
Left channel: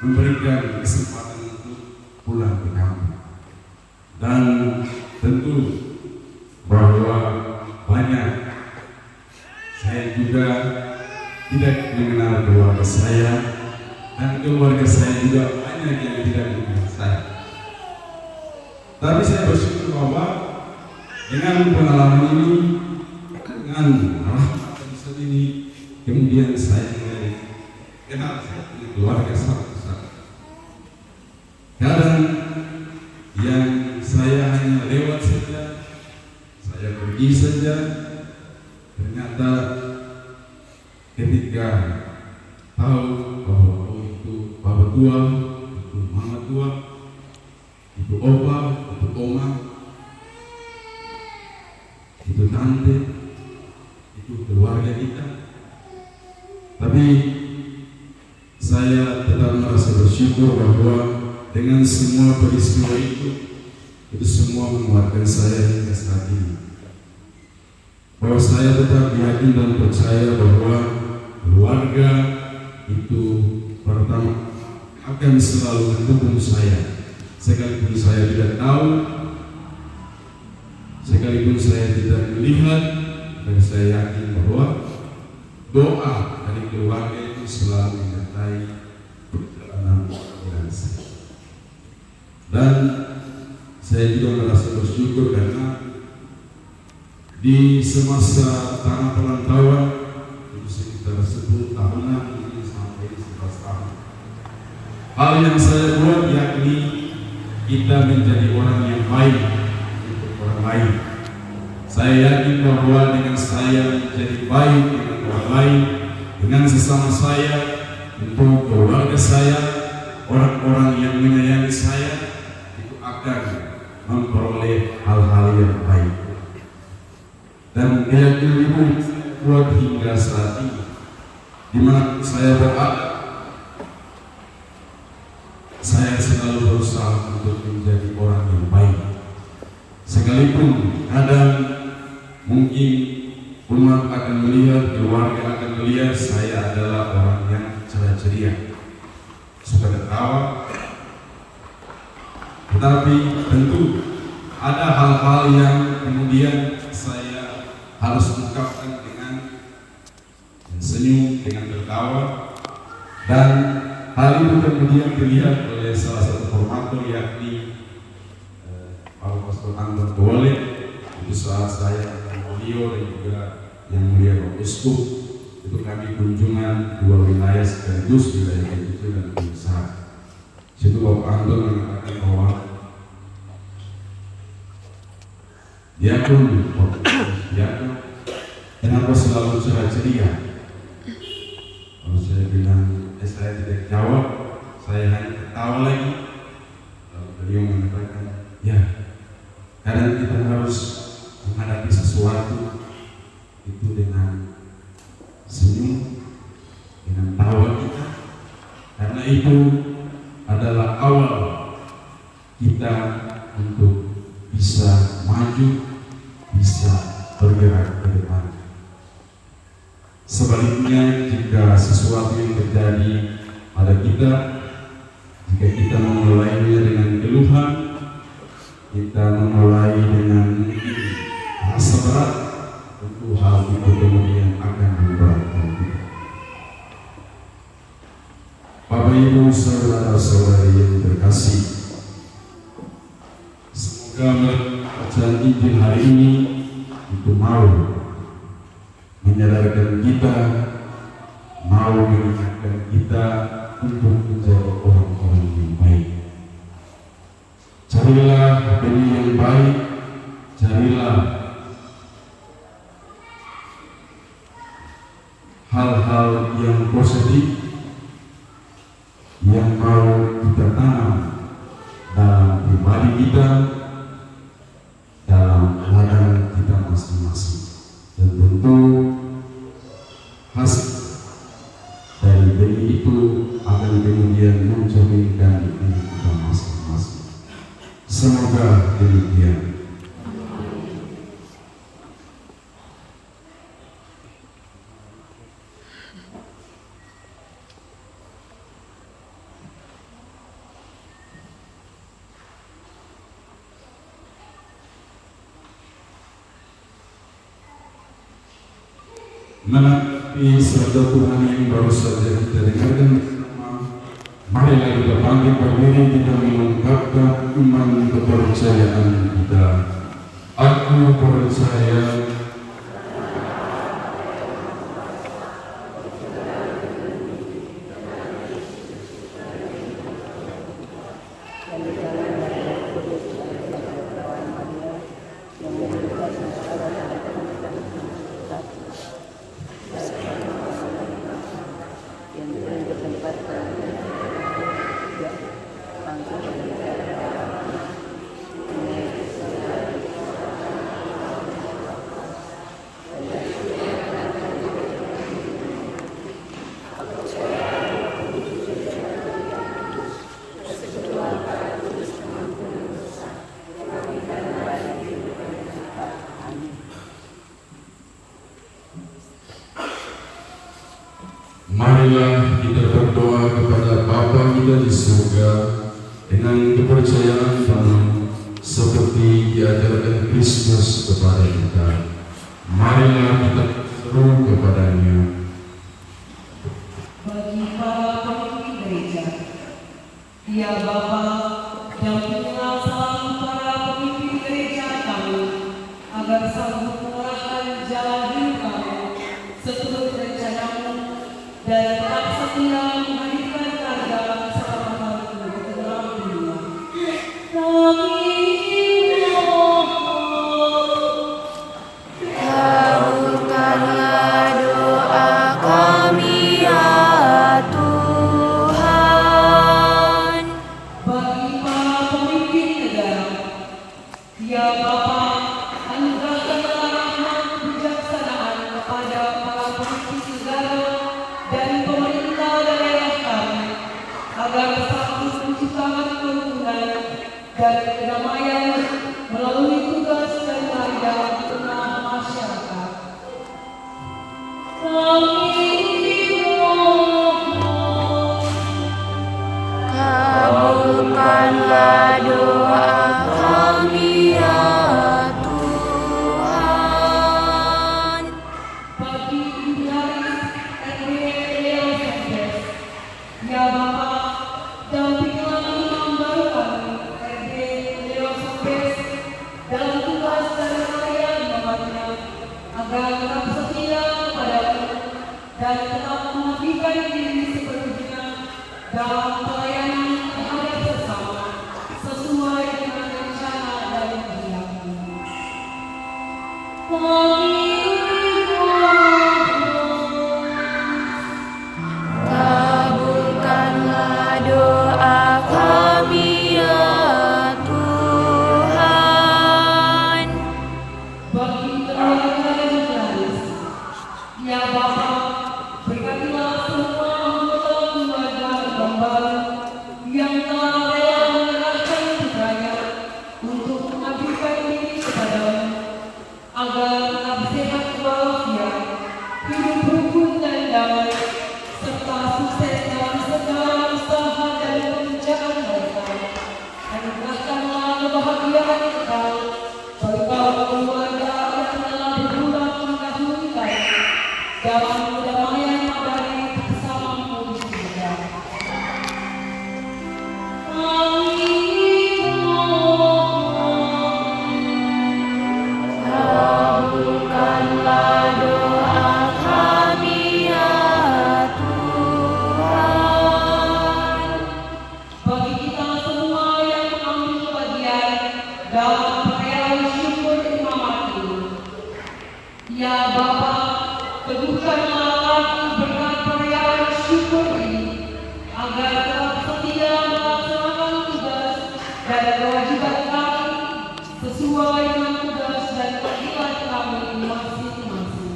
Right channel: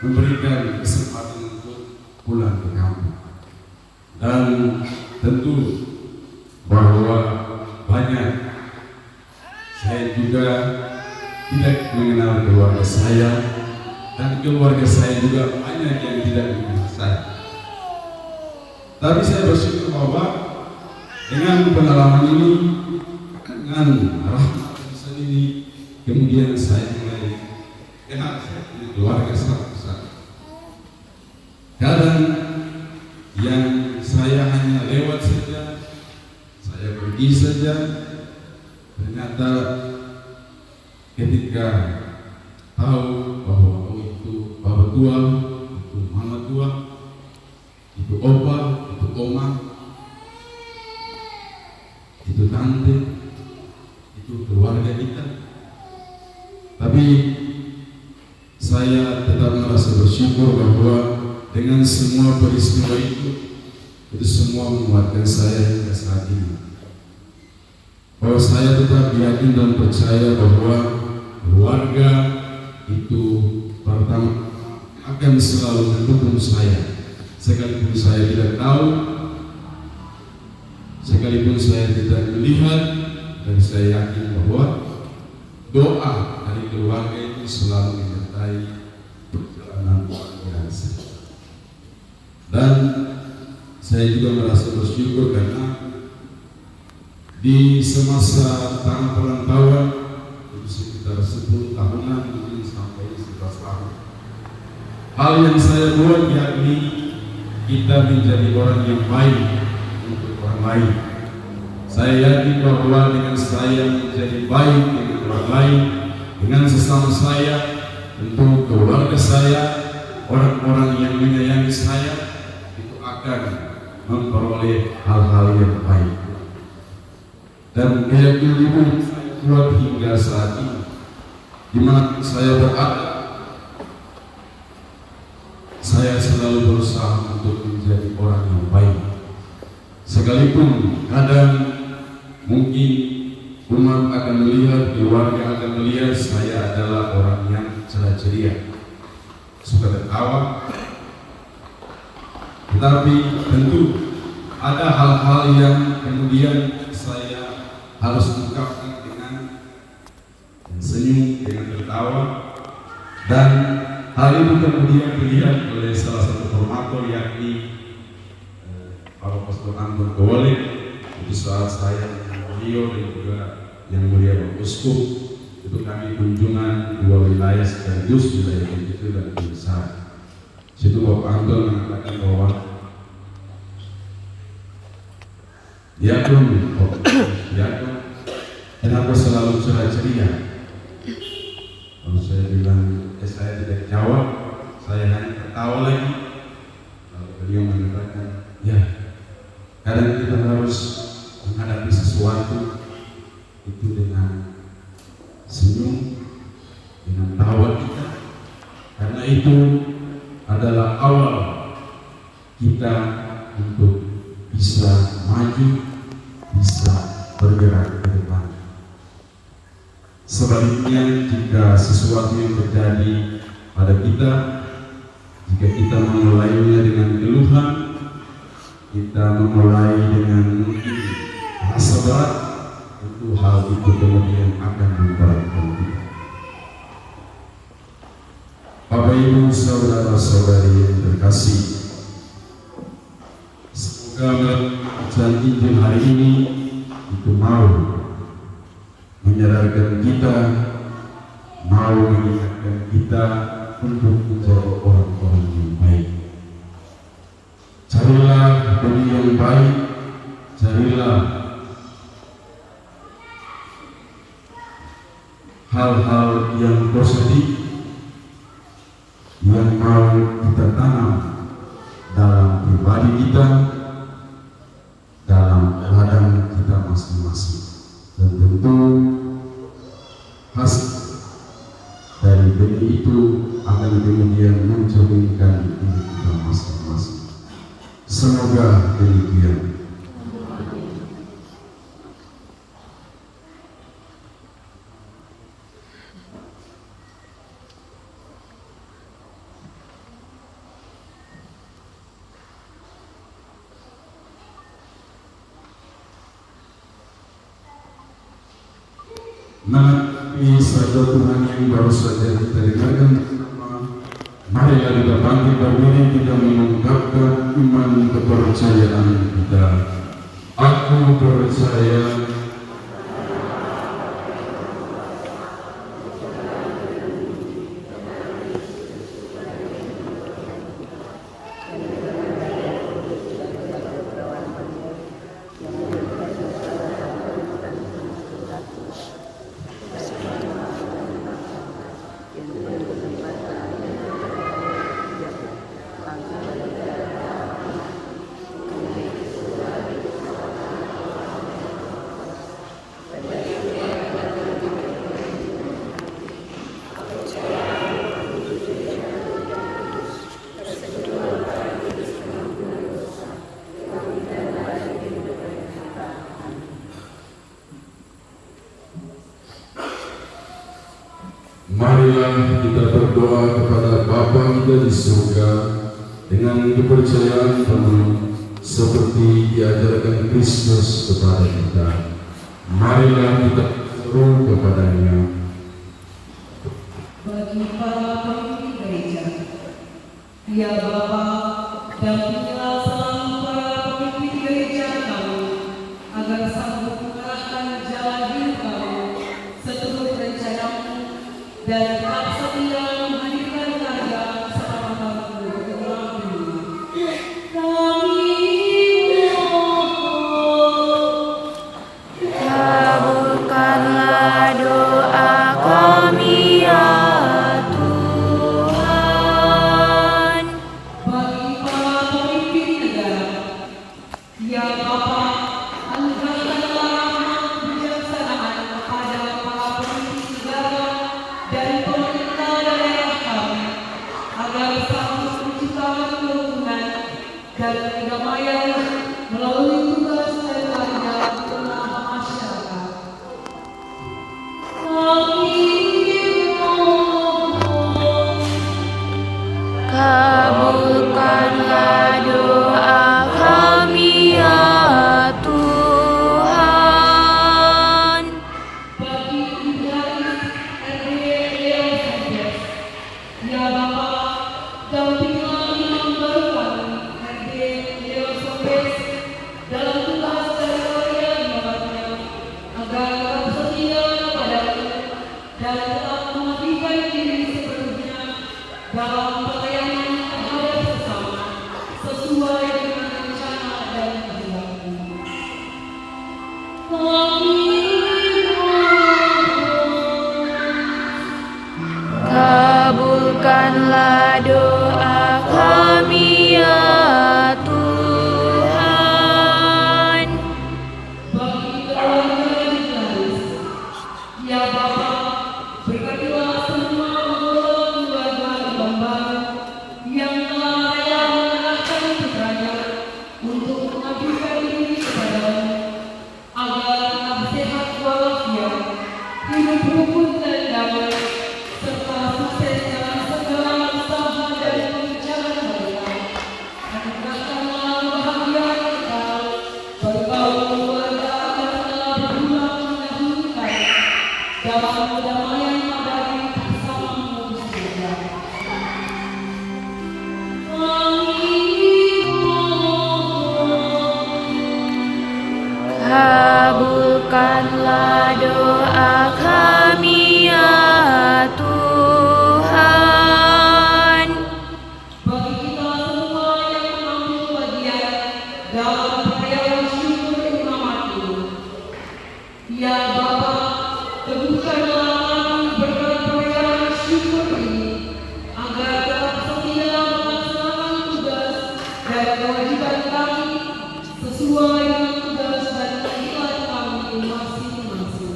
memberikan kesempatan untuk pulang ke kampung. Dan tentu bahwa banyak saya juga tidak mengenal keluarga saya, dan keluarga saya juga banyak yang tidak mengenal saya. Tapi saya bersyukur bahwa dengan pengalaman ini, dengan rahmat Tuhan ini, kemudian saya menjadi kenal keluarga saya. Kadang yang saya hanya lewat saja, saya pergi saja, ternyata ketika tahu bahwa itu Bapak tua, itu Mama tua, itu Opa, itu Oma, itu Tante, itu keluarga kita. Tapi saya tetap merasa bersyukur bahwa dengan semua peristiwa itu semua menguatkan saya hingga saat ini. Bahwa saya tetap yakin dan percaya bahwa keluarga itu pertama akan selalu mendukung saya, sekalipun saya tidak tahu, sekalipun saya tidak melihat, dan saya yakin bahwa doa dari keluarga itu selalu menyertai perjalanan keluarga saya. Dan saya juga merasa bersyukur karena di semasa tanah perantauan itu sekitar 10 tahunan mungkin sampai 11 tahun, hal yang saya buat yakni kita menjadi orang yang baik untuk orang lain. Saya yakin bahwa dengan saya menjadi baik dengan orang lain, dengan sesama saya, untuk keluarga saya, orang-orang yang menyayangi saya, itu akan memperoleh hal-hal yang baik. Dan keyakinan itu saya buat hingga saat ini, di mana saya berada, saya selalu berusaha untuk menjadi orang yang baik. Sekalipun kadang mungkin umat akan melihat, keluarga akan melihat saya adalah orang yang ceria, suka ketawa, tetapi tentu ada hal-hal yang kemudian saya harus ungkapkan dengan senyum, dengan tertawa, dan hal itu kemudian dilihat oleh salah satu formator yakni Bapak Pastor Anton Dole. Itu saat saya dengan beliau dan juga yang mulia Bapak Uskup itu kami kunjungan 2 wilayah sekaligus, wilayah Begitu dan Besar. Situ Bapak Anton mengatakan bahwa Yakun, Yakun, kenapa selalu ceria? Kalau saya bilang, saya tidak jawab, saya hanya ketawa lagi. Lalu beliau mengatakan, ya, kadang kita harus menghadapi sesuatu itu dengan senyum, dengan tawa kita, karena itu adalah awal kita untuk bisa maju, bisa bergerak ke depan. Sebaliknya, jika sesuatu yang terjadi pada kita, jika kita memulainya dengan keluhan, kita memulai dengan mungkin rasa berat, tentu hal itu kemudian akan memberatkan kita. Bapak Ibu saudara-saudari yang terkasih, semoga bacaan Injil hari ini itu mau menyadarkan kita, mau mengingatkan kita untuk menjadi orang-orang yang baik. Carilah demi yang baik, carilah hal-hal yang positif yang mau kita tanam dalam pribadi kita, dalam ladang kita masing-masing, dan tentu hasil dari benih itu akan kemudian mencerminkan diri kita masing-masing. Semoga demikian. Menghadapi sabda Tuhan yang baru saja kita dengarkan bersama, marilah kita bangkit berdiri, kita mengungkapkan iman kepercayaan kita. Aku percaya marilah kita berdoa kepada Bapa kita di surga dengan kepercayaan penuh seperti diajarkan Kristus kepada kita. Marilah kita seru kepadanya. Bagi para pemimpin gereja, ya Bapa, dampingilah selalu para pemimpin gereja kami agar sanggup mengarahkan jalan hidup kami seturut rencana-Mu dan tetap setia menghadirkan karya keselamatan-Mu di tengah dunia. Kabulkanlah doa kami ya Tuhan. Bagi para pemimpin negara, ya Bapa, anugerahkanlah rahmat kebijaksanaan kepada para pemimpin negara dan pemerintah daerah kami, agar sanggup menciptakan kerukunan dan kedamaian melalui tugas dan karya di tengah masyarakat. Kabulkanlah doa kami ya Tuhan. Bagi Ibrahim Leo Santos, ya Bapa, dampingilah imam baru kami, RD sesuai dengan tugas dan kewajiban kami masing-masing.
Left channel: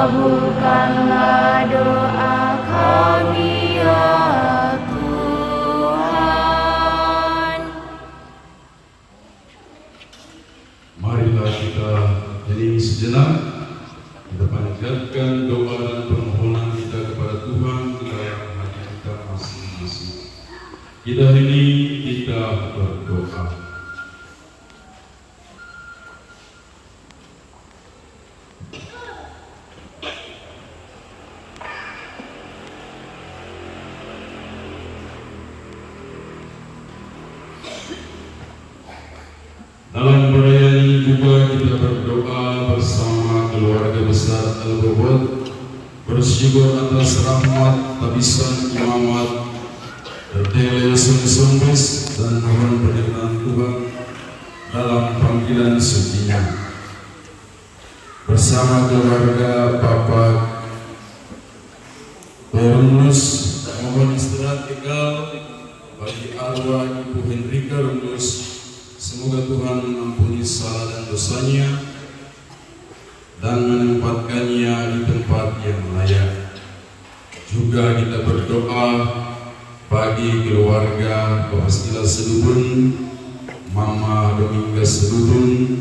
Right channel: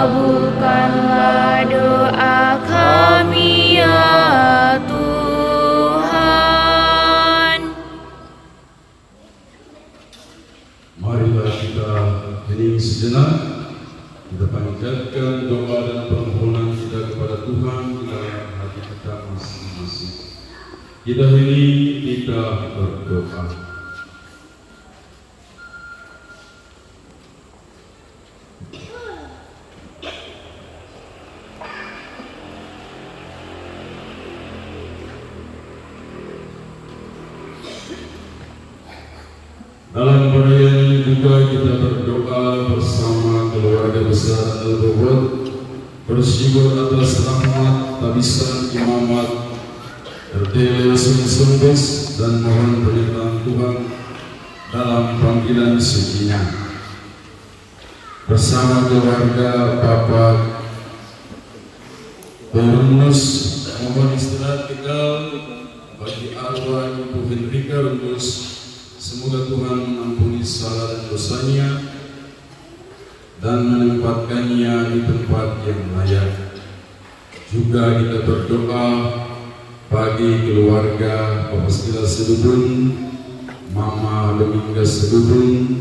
Kabulkanlah doa kami ya Tuhan. Marilah kita hening sejenak. Kita panjatkan doa dan permohonan kita kepada Tuhan di dalam hati kita masing-masing. Kita hening, kita berdoa. Dalam perayaan ini juga kita berdoa bersama keluarga besar Al-Bawad, bersyukur atas rahmat tabisan imamat Erdele Sumbes dan mohon penyertaan Tuhan dalam panggilan sucinya. Bersama keluarga Bapak Berunus mohon istirahat kekal bagi arwah Ibu Henrika Runus. Semoga Tuhan mengampuni salah dan dosanya dan menempatkannya di tempat yang layak. Juga kita berdoa bagi keluarga Bapak Sekila Sedubun, Mama Dominga Sedubun,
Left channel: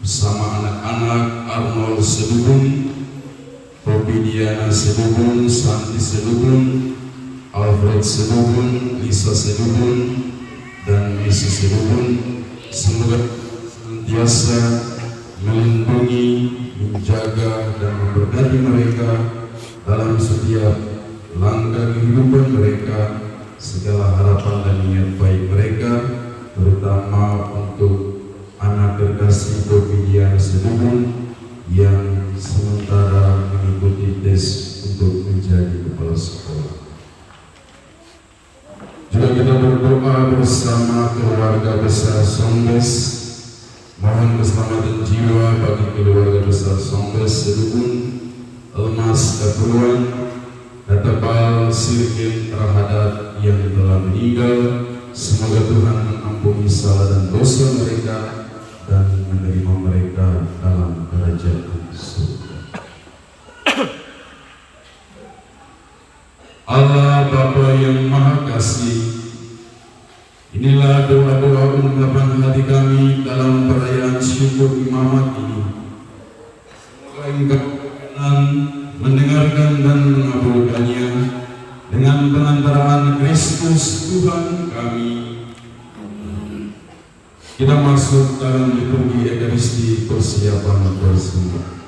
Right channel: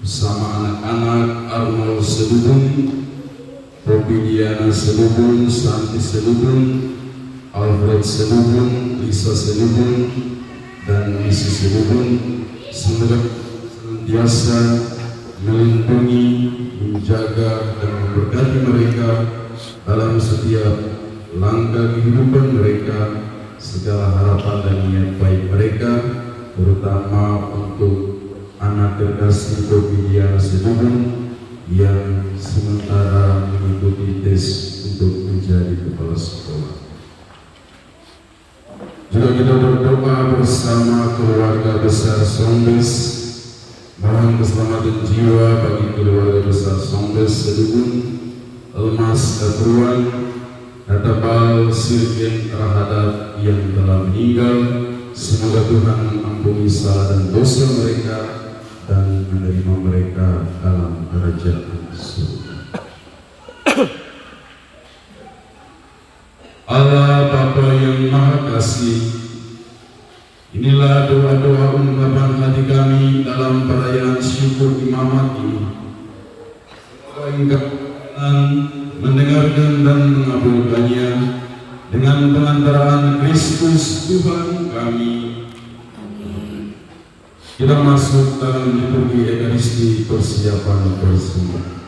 bersama anak-anak Arnold Sedubun, Robidiana Sedubun, Santi Sedubun, Alfred Sedubun, Lisa Sedubun, dan Misi Sedubun. Semoga senantiasa melindungi, menjaga, dan memberkati mereka dalam setiap langkah kehidupan mereka, segala harapan dan niat baik mereka, terutama untuk anak terkasih Robidiana Sedubun yang sementara mengikuti tes untuk menjadi kepala sekolah. Juga kita berdoa bersama keluarga besar Sombes, mohon keselamatan jiwa bagi keluarga besar Sombes Sedubun, Elmas Katruan, Katabal Sirkin Rahadat yang telah meninggal. Semoga Tuhan mengampuni salah dan dosa mereka dan menerima mereka dalam kerajaan surga. Allah Bapa yang Maha Kasih, inilah doa-doa ungkapan hati kami dalam perayaan syukur imamat ini. Semoga Engkau berkenan mendengarkan dan mengabulkannya dengan pengantaraan Kristus Tuhan kami. Kita masuk dalam liturgi Ekaristi persiapan bersama.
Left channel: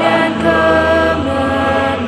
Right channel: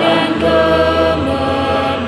Dan kemerdekaan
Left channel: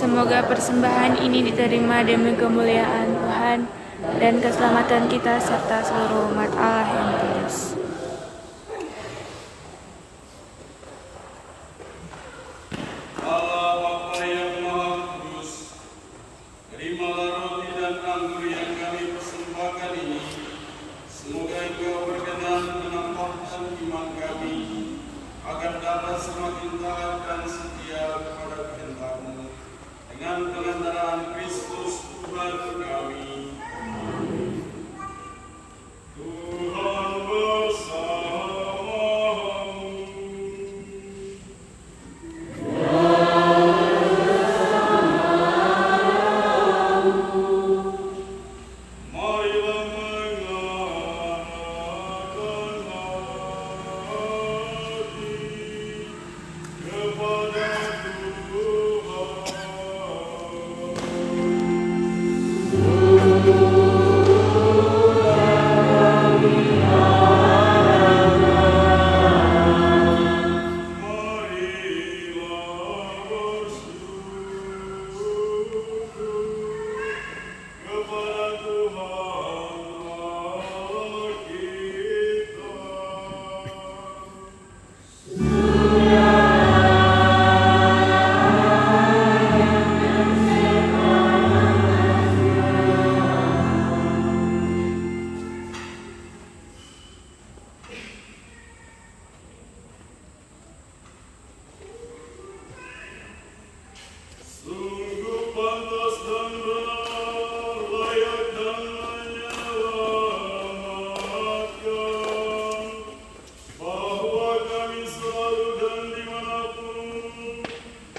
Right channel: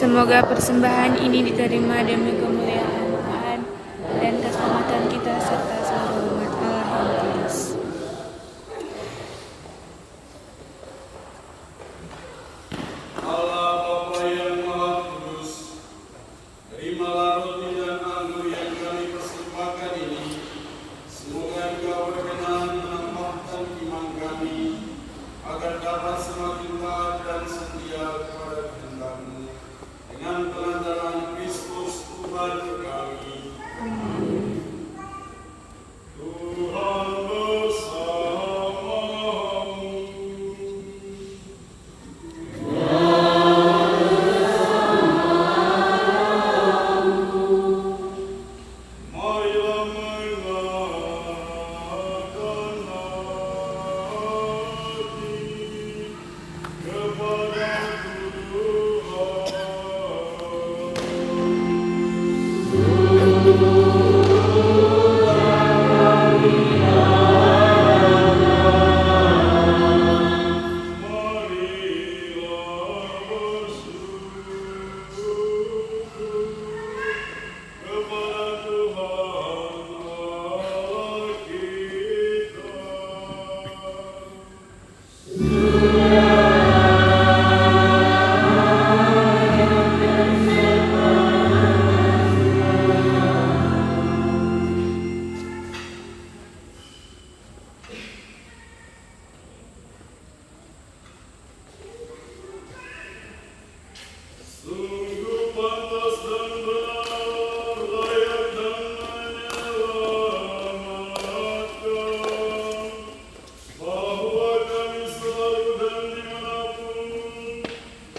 Semoga persembahan ini diterima demi kemuliaan Tuhan dan keselamatan kita serta seluruh umat Allah yang kudus. Allah Bapa yang Maha Kudus, terimalah roti dan anggur yang kami persembahkan ini. Semoga Engkau berkenan menambahkan iman kami, agar dapat semakin taat dan setia kepada kehendak-Mu, dengan pengantaran Kristus Tuhan kami. Tuhan bersamamu. Marilah mengarahkan hati kepada Sungguh pantas dan benar, layak dan menyelamatkan, bahwa kami selalu dan dimanapun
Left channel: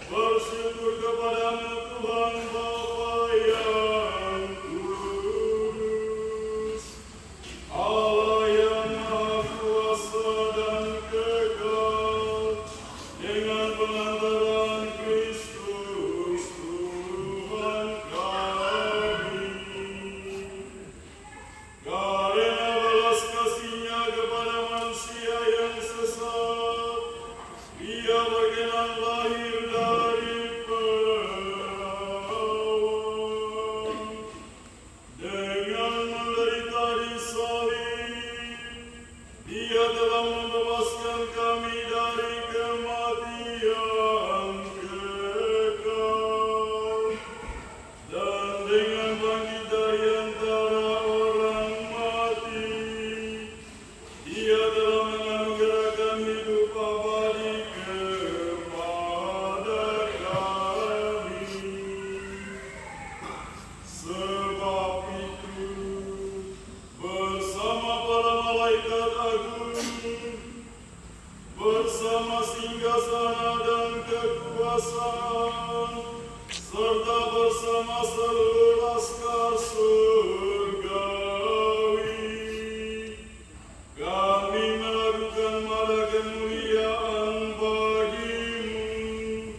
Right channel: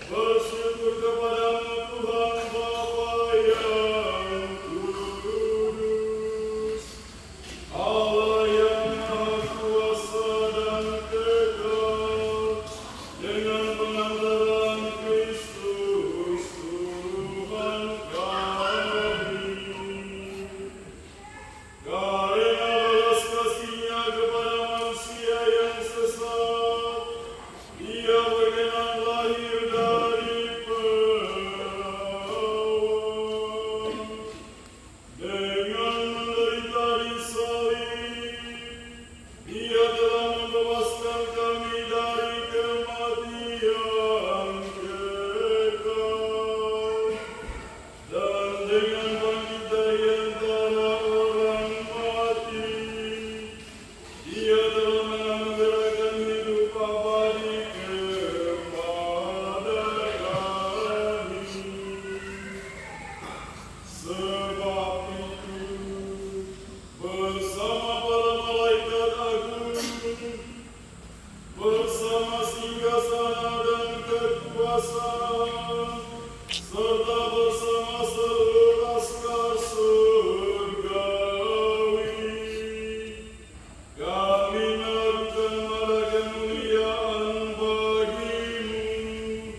bersyukur kepada-Mu Tuhan Bapa yang kudus, Allah yang Maha Kuasa dan kekal, dengan pengantaran Kristus Tuhan kami. Karena belas kasih-Nya kepada manusia yang sesat, Dia berkenan lahir dari perawan. Dengan menderita di salib, Dia telah membebaskan kami dari kematian kekal. Dan dengan bangkit dari antara orang mati, Dia telah menganugerahkan hidup abadi kepada kami. Sebab itu, bersama para malaikat agung, bersama singgasana dan kekuasaan, serta bersama seluruh laskar surgawi, kami melakukan mara kemuliaan bagi-Mu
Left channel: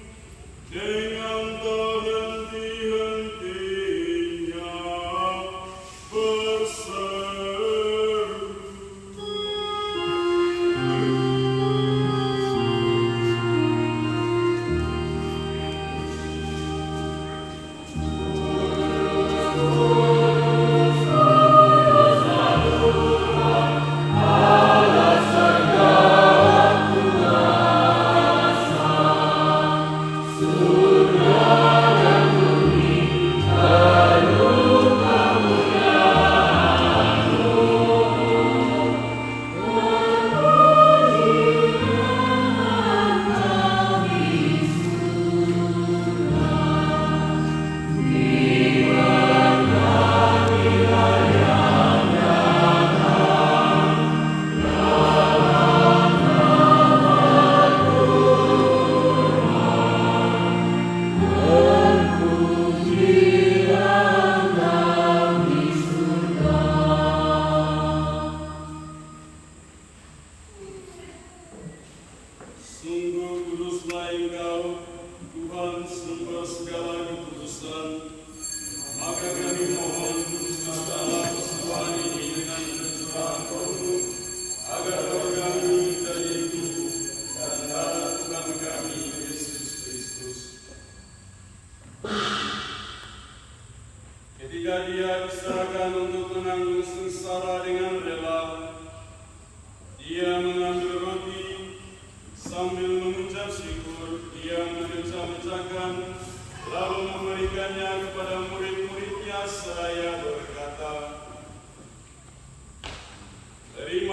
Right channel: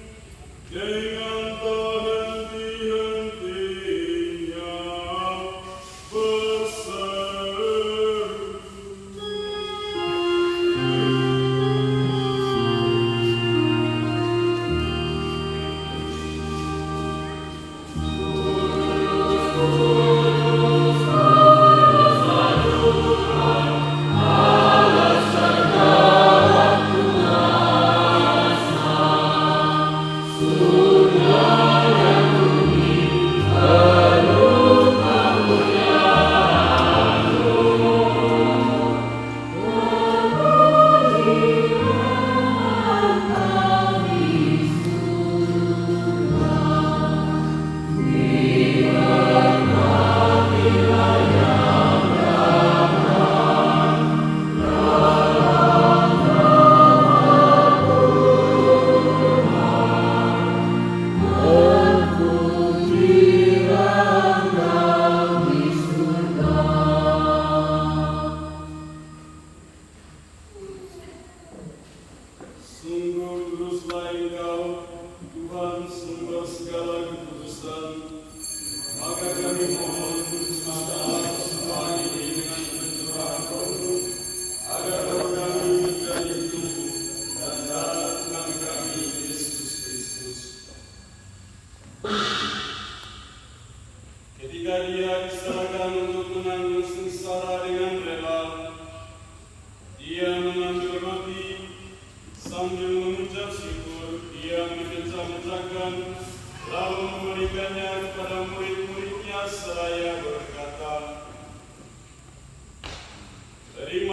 dengan tak henti-hentinya berseru. Oh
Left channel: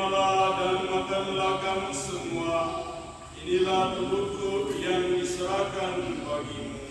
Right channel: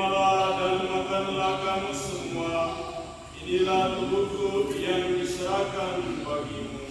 Terimalah dan makanlah kamu semua, inilah tubuhku yang diserahkan bagimu.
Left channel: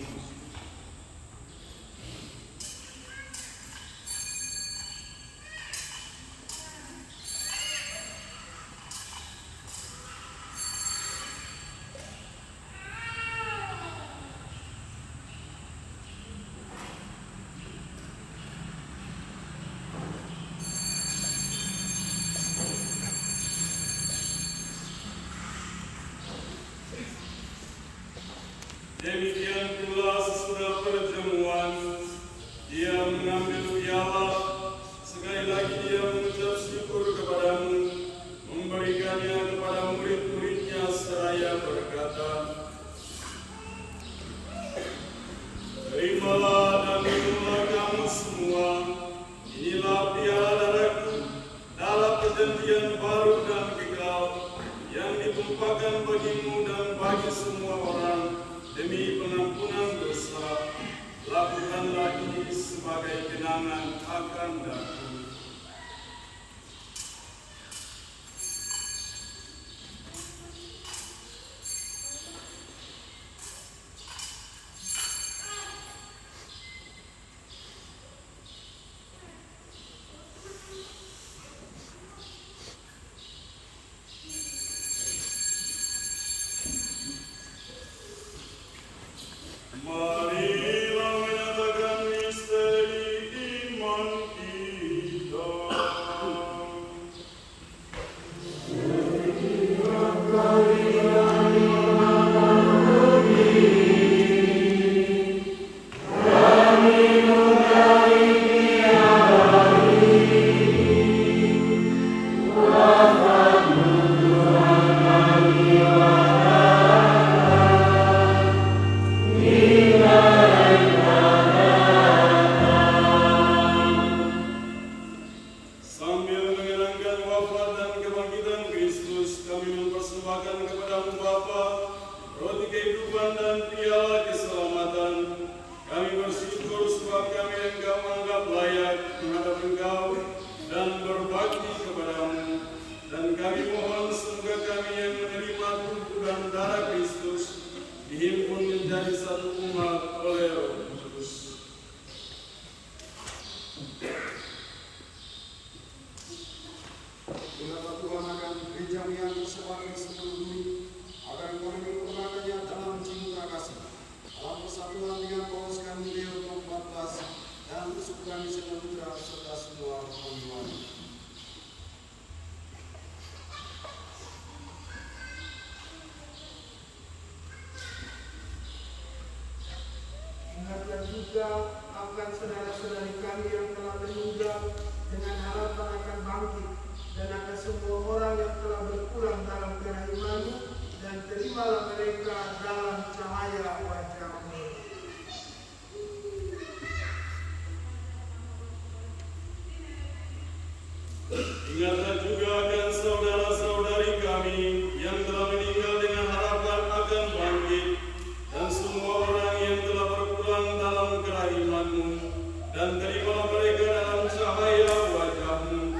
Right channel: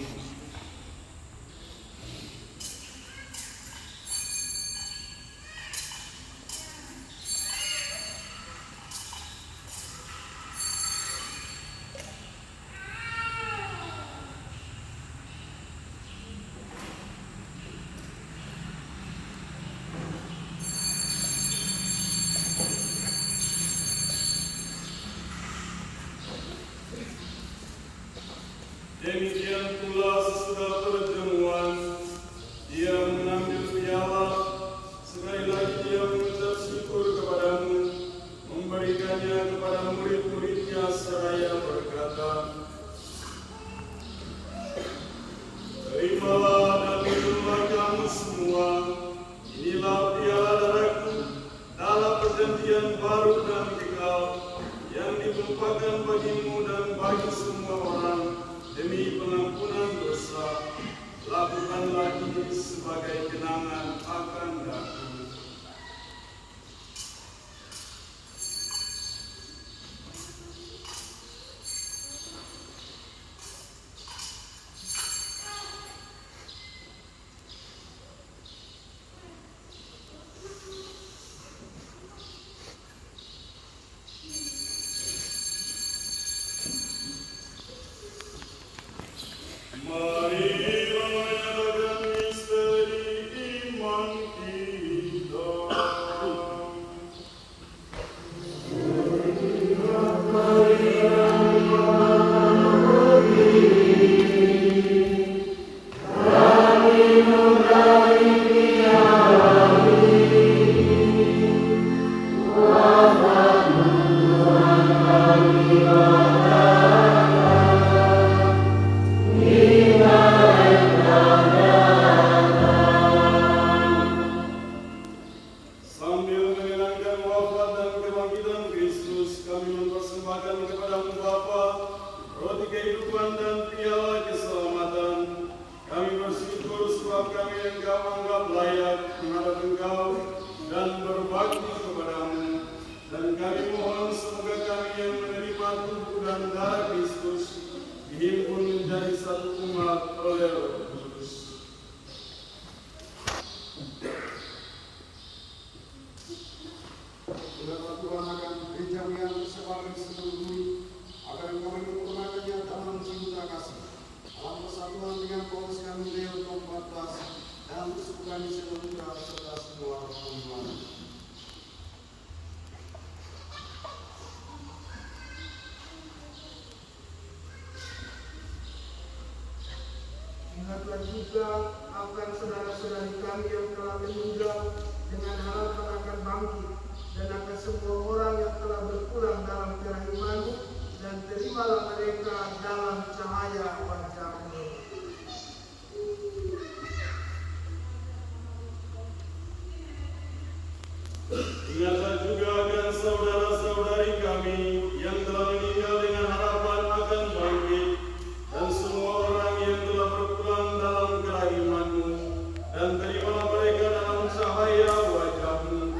Demikian pula sesudah perjamuan, dia mengambil piala, sekali lagi dia mengucap syukur kepadamu, memberikannya kepada murid-muridnya seraya berkata, terimalah dan minumlah kamu semua, inilah piala darahku, dalam perjanjian baru dan kekal, yang ditumpahkan bagimu dan bagi semua orang, demi pengampunan dosa. Lakukanlah ini sebagai kenangan akan aku. Marilah menyatakan misteri iman kita. Sambil mengenangkan wafat dan kebangkitan Kristus, kami mempersembahkan kepadamu Bapa, roti kehidupan dan piala keselamatan. Kami bersyukur sebab kami Engkau anggap layak menghadap Engkau dan berbakti kepadamu. Dan kami mohon semoga kami yang menerima tubuh dan darah Kristus dihimpun menjadi satu umat oleh Roh Kudus. Biarlah Tuhan akan gereja yang sebagai seluruh bumi, agar kami menyempurnakannya dalam cinta kasih, dalam persatuan dengan Paulus kami Leo 14, dalam kesukuran seluruh serta semua orang. Ingatlah juga akan saudara-saudari kami yang telah meninggal dengan harapan akan bangkit, dan akan semua orang yang telah berpulang dalam terang iman-Mu, dan terimalah mereka dalam cahaya wajah-Mu. Ingatlah juga akan saudara-saudari kami yang telah meninggal dengan harapan akan bangkit, dan semua orang yang telah berpulang dalam terang iman-Mu, dan terimalah mereka dalam cahaya wajah-Mu.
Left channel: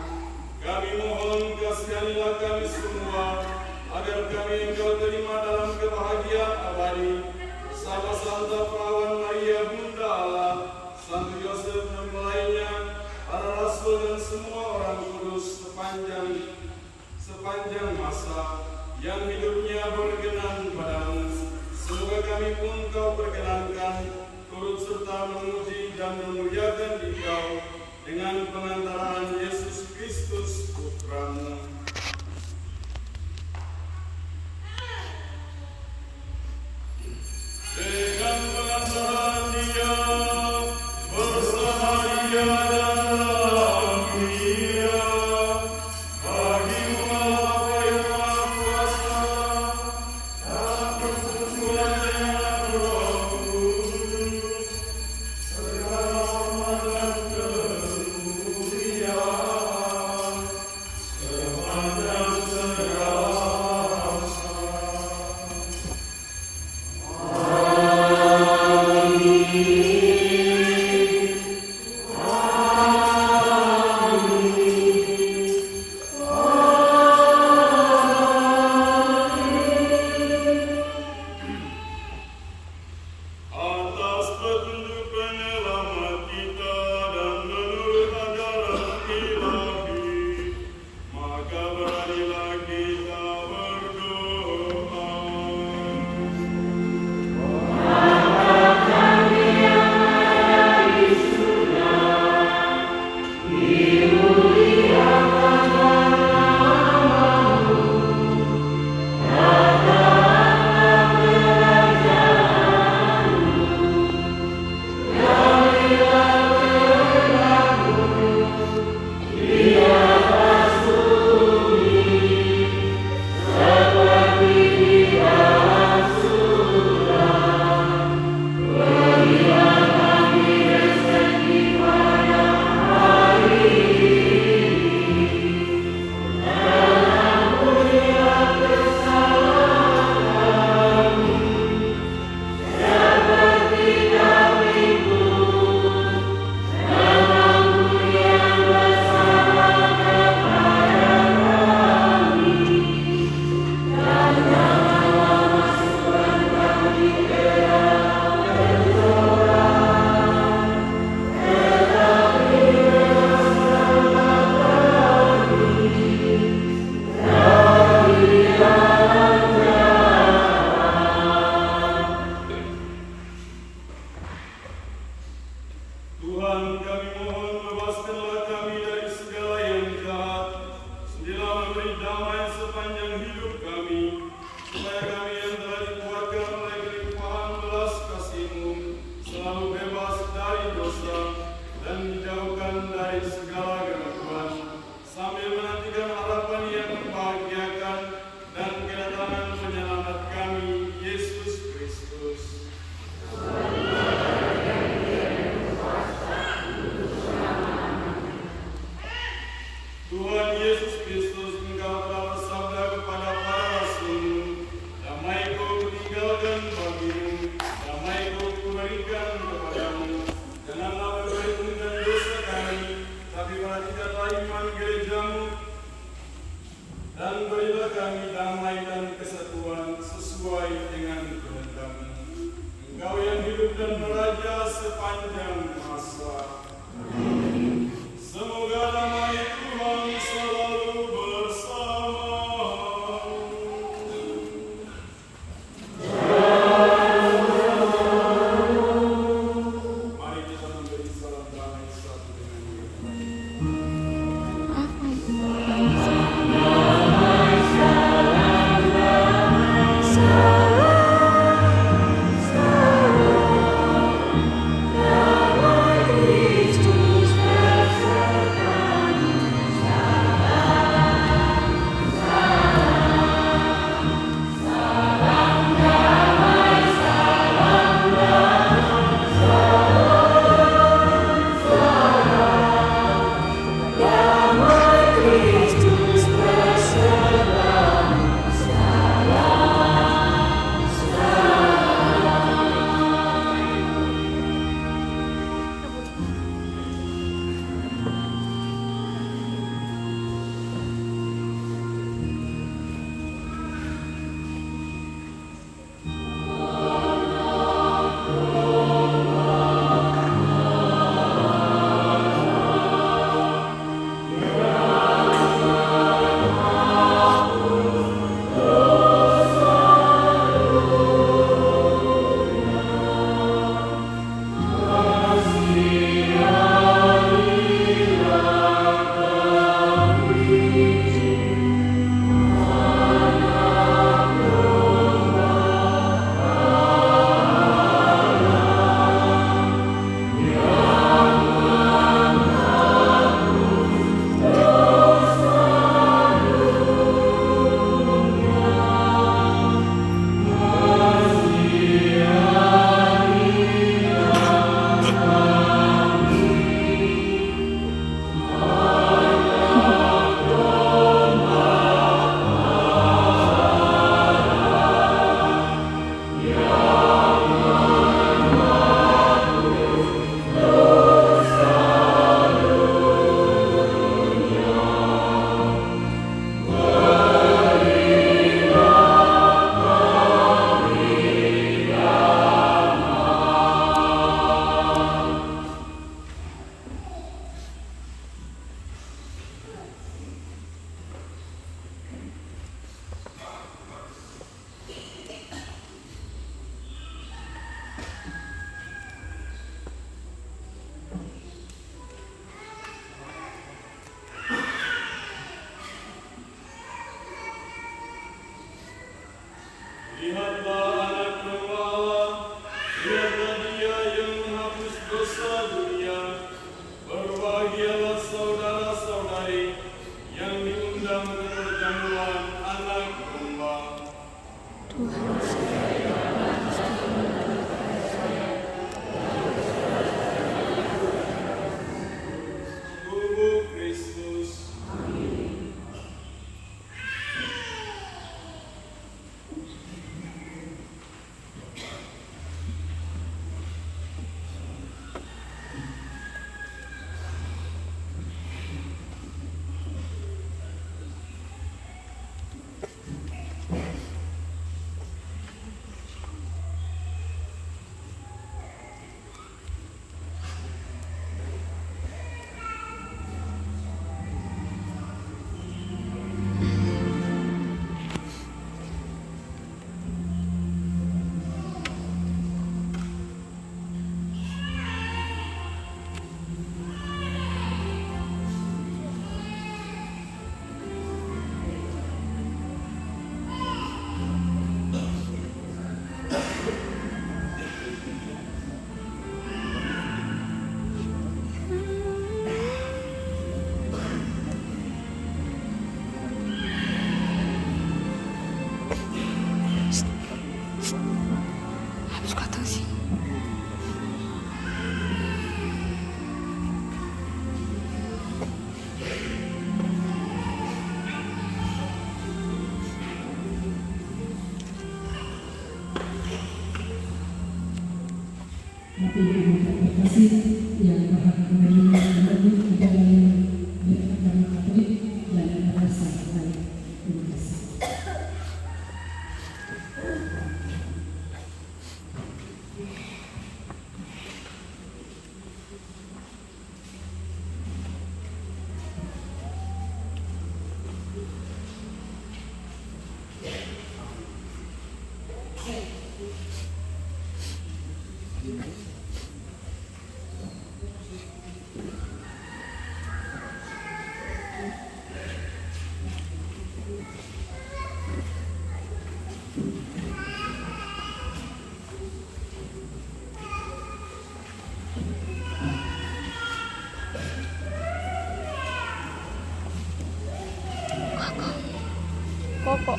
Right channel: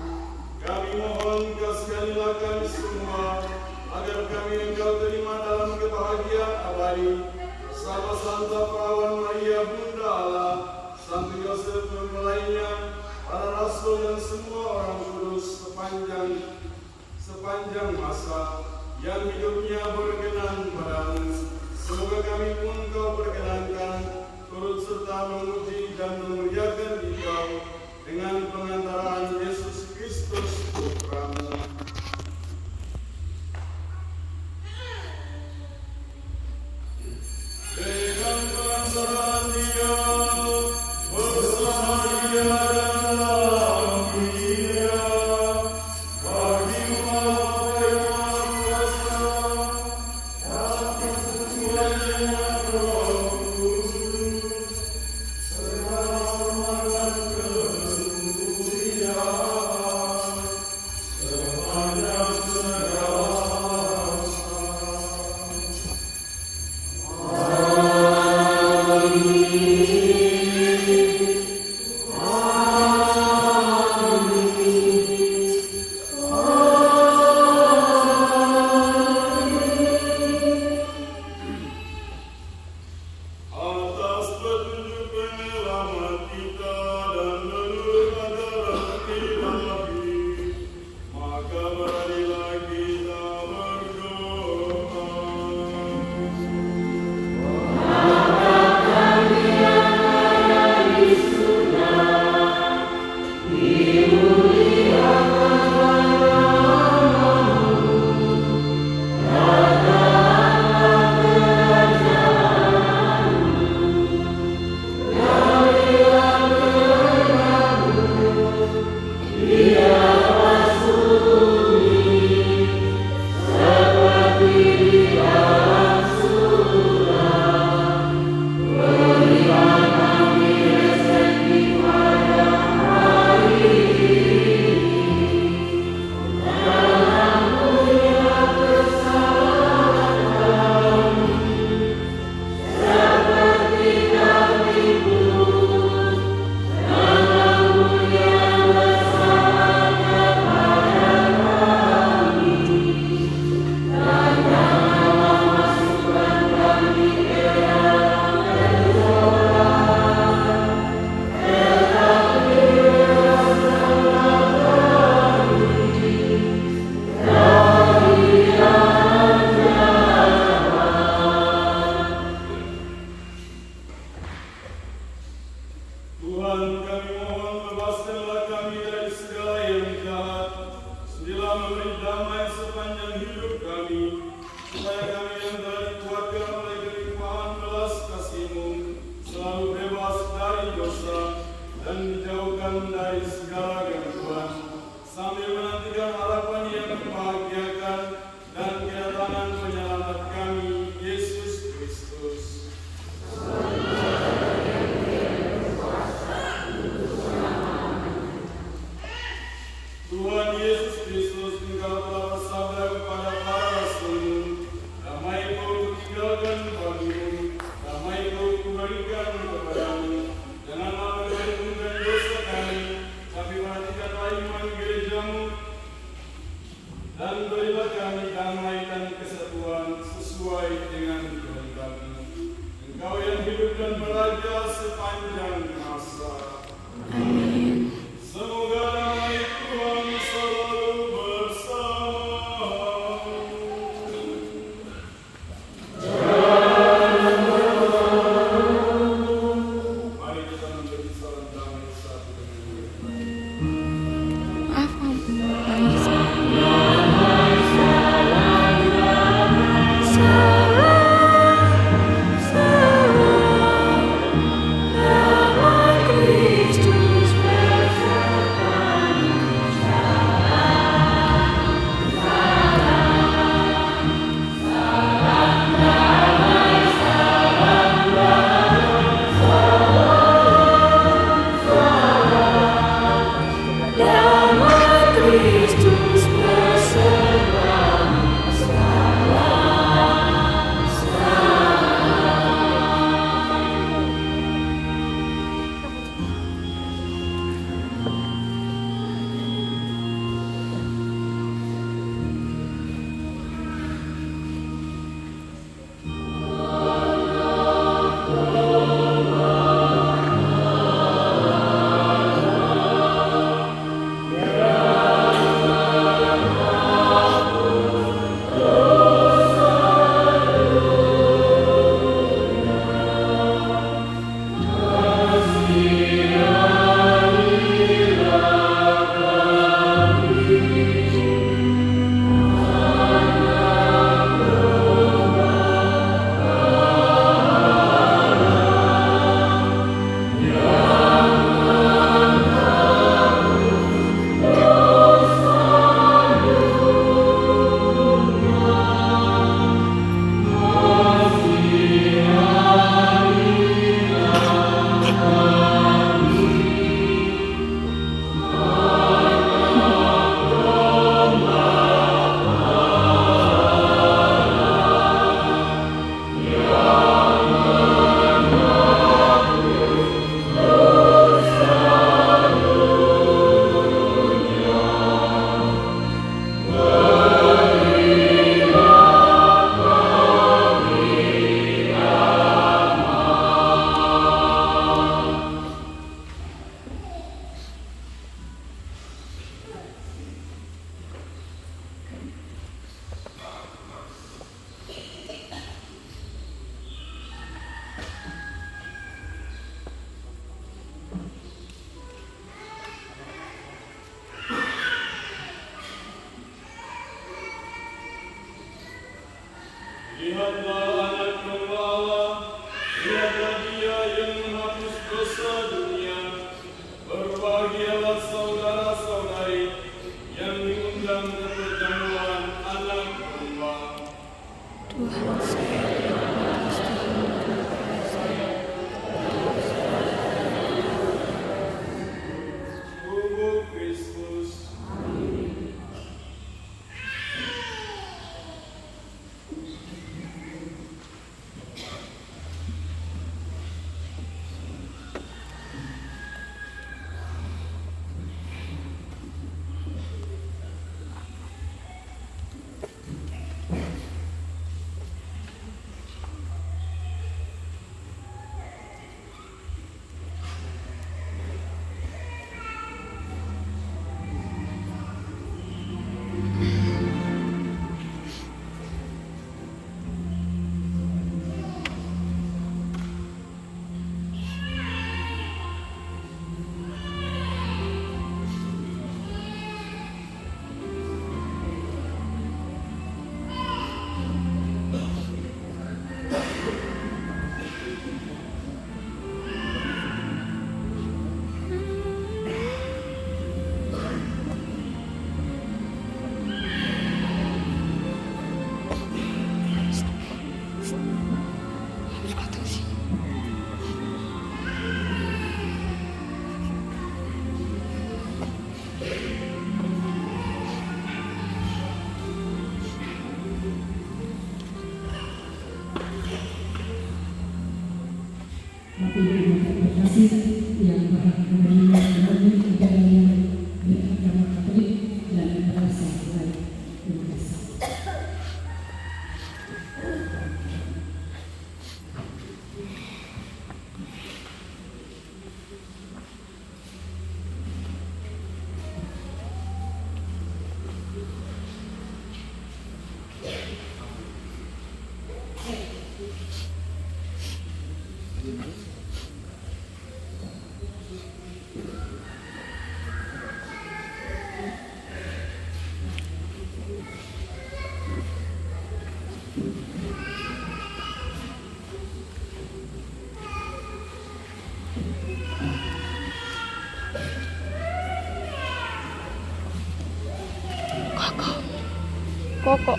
Kami mohon kasihanilah kami semua, agar kami Engkau terima dalam kebahagiaan abadi, bersama Santa Perawan Maria Bunda Allah, Santo Yosef mempelainya, para rasul dan semua orang kudus sepanjang masa yang hidupnya berkenan padamu. Semoga kami pun Kau perkenankan, turut serta memuji dan memuliakan Engkau dengan pengantaraan Yesus Kristus Putra-Mu. Dengan pengantaraan Dia, bersama Dia dan dalam Dia, bagi umat Bapa yang Maha Kuasa, dan persekutuan dengan Roh Kudus, segala hormat dan kemuliaan Maka beranilah kita berdoa. Tuhan, kami mohon bebaskanlah kami dari segala yang jahat, sedialah memberi damai sepanjang hidup kami, supaya kami yang telah dikuatkan oleh kelimpahan belas kasih-Mu selalu bebas dari dosa dan dijauhkan dari segala gangguan, sambil menantikan harapan yang membahagiakan dan kedatangan penyelamat kami, Yesus Kristus. Tuhan Yesus Kristus, Engkau telah bersabda kepada para rasul-Mu, damai-Ku kutinggalkan bagimu, damai-Ku kuberikan kepadamu. Janganlah memperhitungkan dosa kami, tapi perhatikanlah iman gereja-Mu, dan berilah kami damai dan kesatuan sesuai dengan kehendak-Mu. Engkau yang hidup dan beraja sepanjang masa. Amin. Semoga damai Tuhan selalu bersamamu. Mari kita memberi salam damai satu dengan yang lain. Kristus Lihatlah anak domba Allah, lihatlah Dia yang menghapus dosa dunia. Berbahagialah saudara-saudari yang diundang ke perjamuan anak domba. Tuhan Tubuh Kristus. Tapi terima kasih yang berhak menerima ajaran yang beragama Katolik dan rasa baik. Terima kasih. Koko.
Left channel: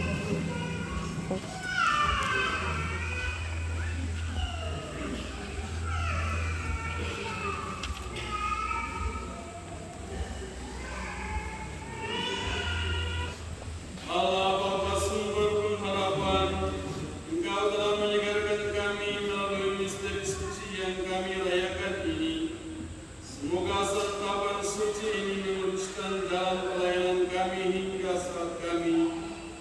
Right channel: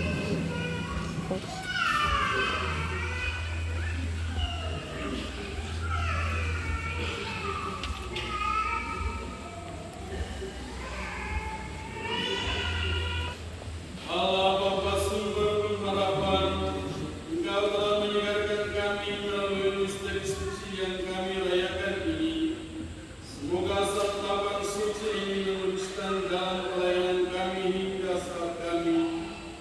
Allah Bapa sumber pengharapan, Engkau telah menyegarkan kami melalui misteri suci yang kami rayakan ini. Semoga santapan suci ini meneruskan dalam pelayanan kami hingga saat kami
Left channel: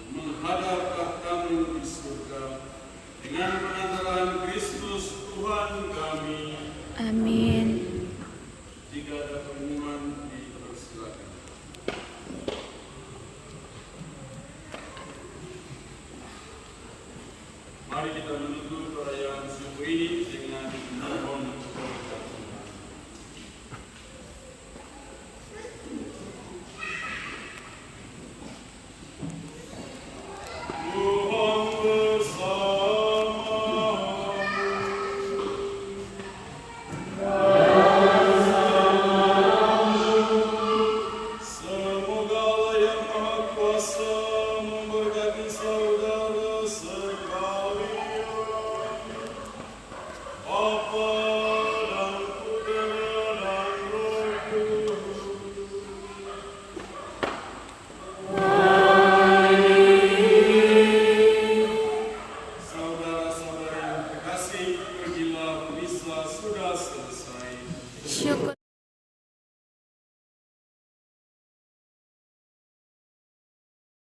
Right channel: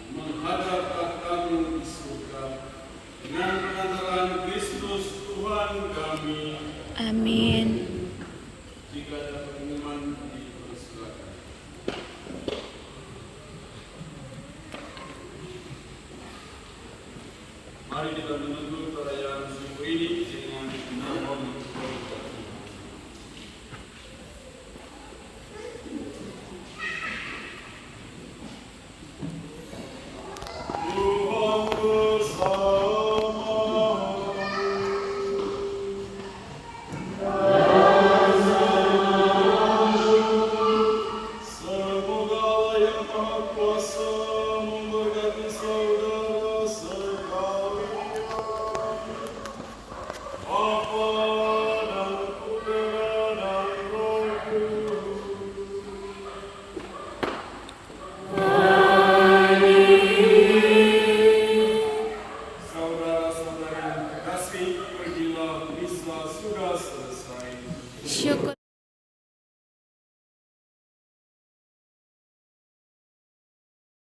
menghadap takhta-Mu di surga. Dengan pengantaran Kristus Tuhan kami. Amin. Jika ada pengumuman, dipersilakan. Mari kita menutup perayaan subuh ini dengan memohon berkat Tuhan. Tuhan bersamamu. Semoga Allah yang Maha Kuasa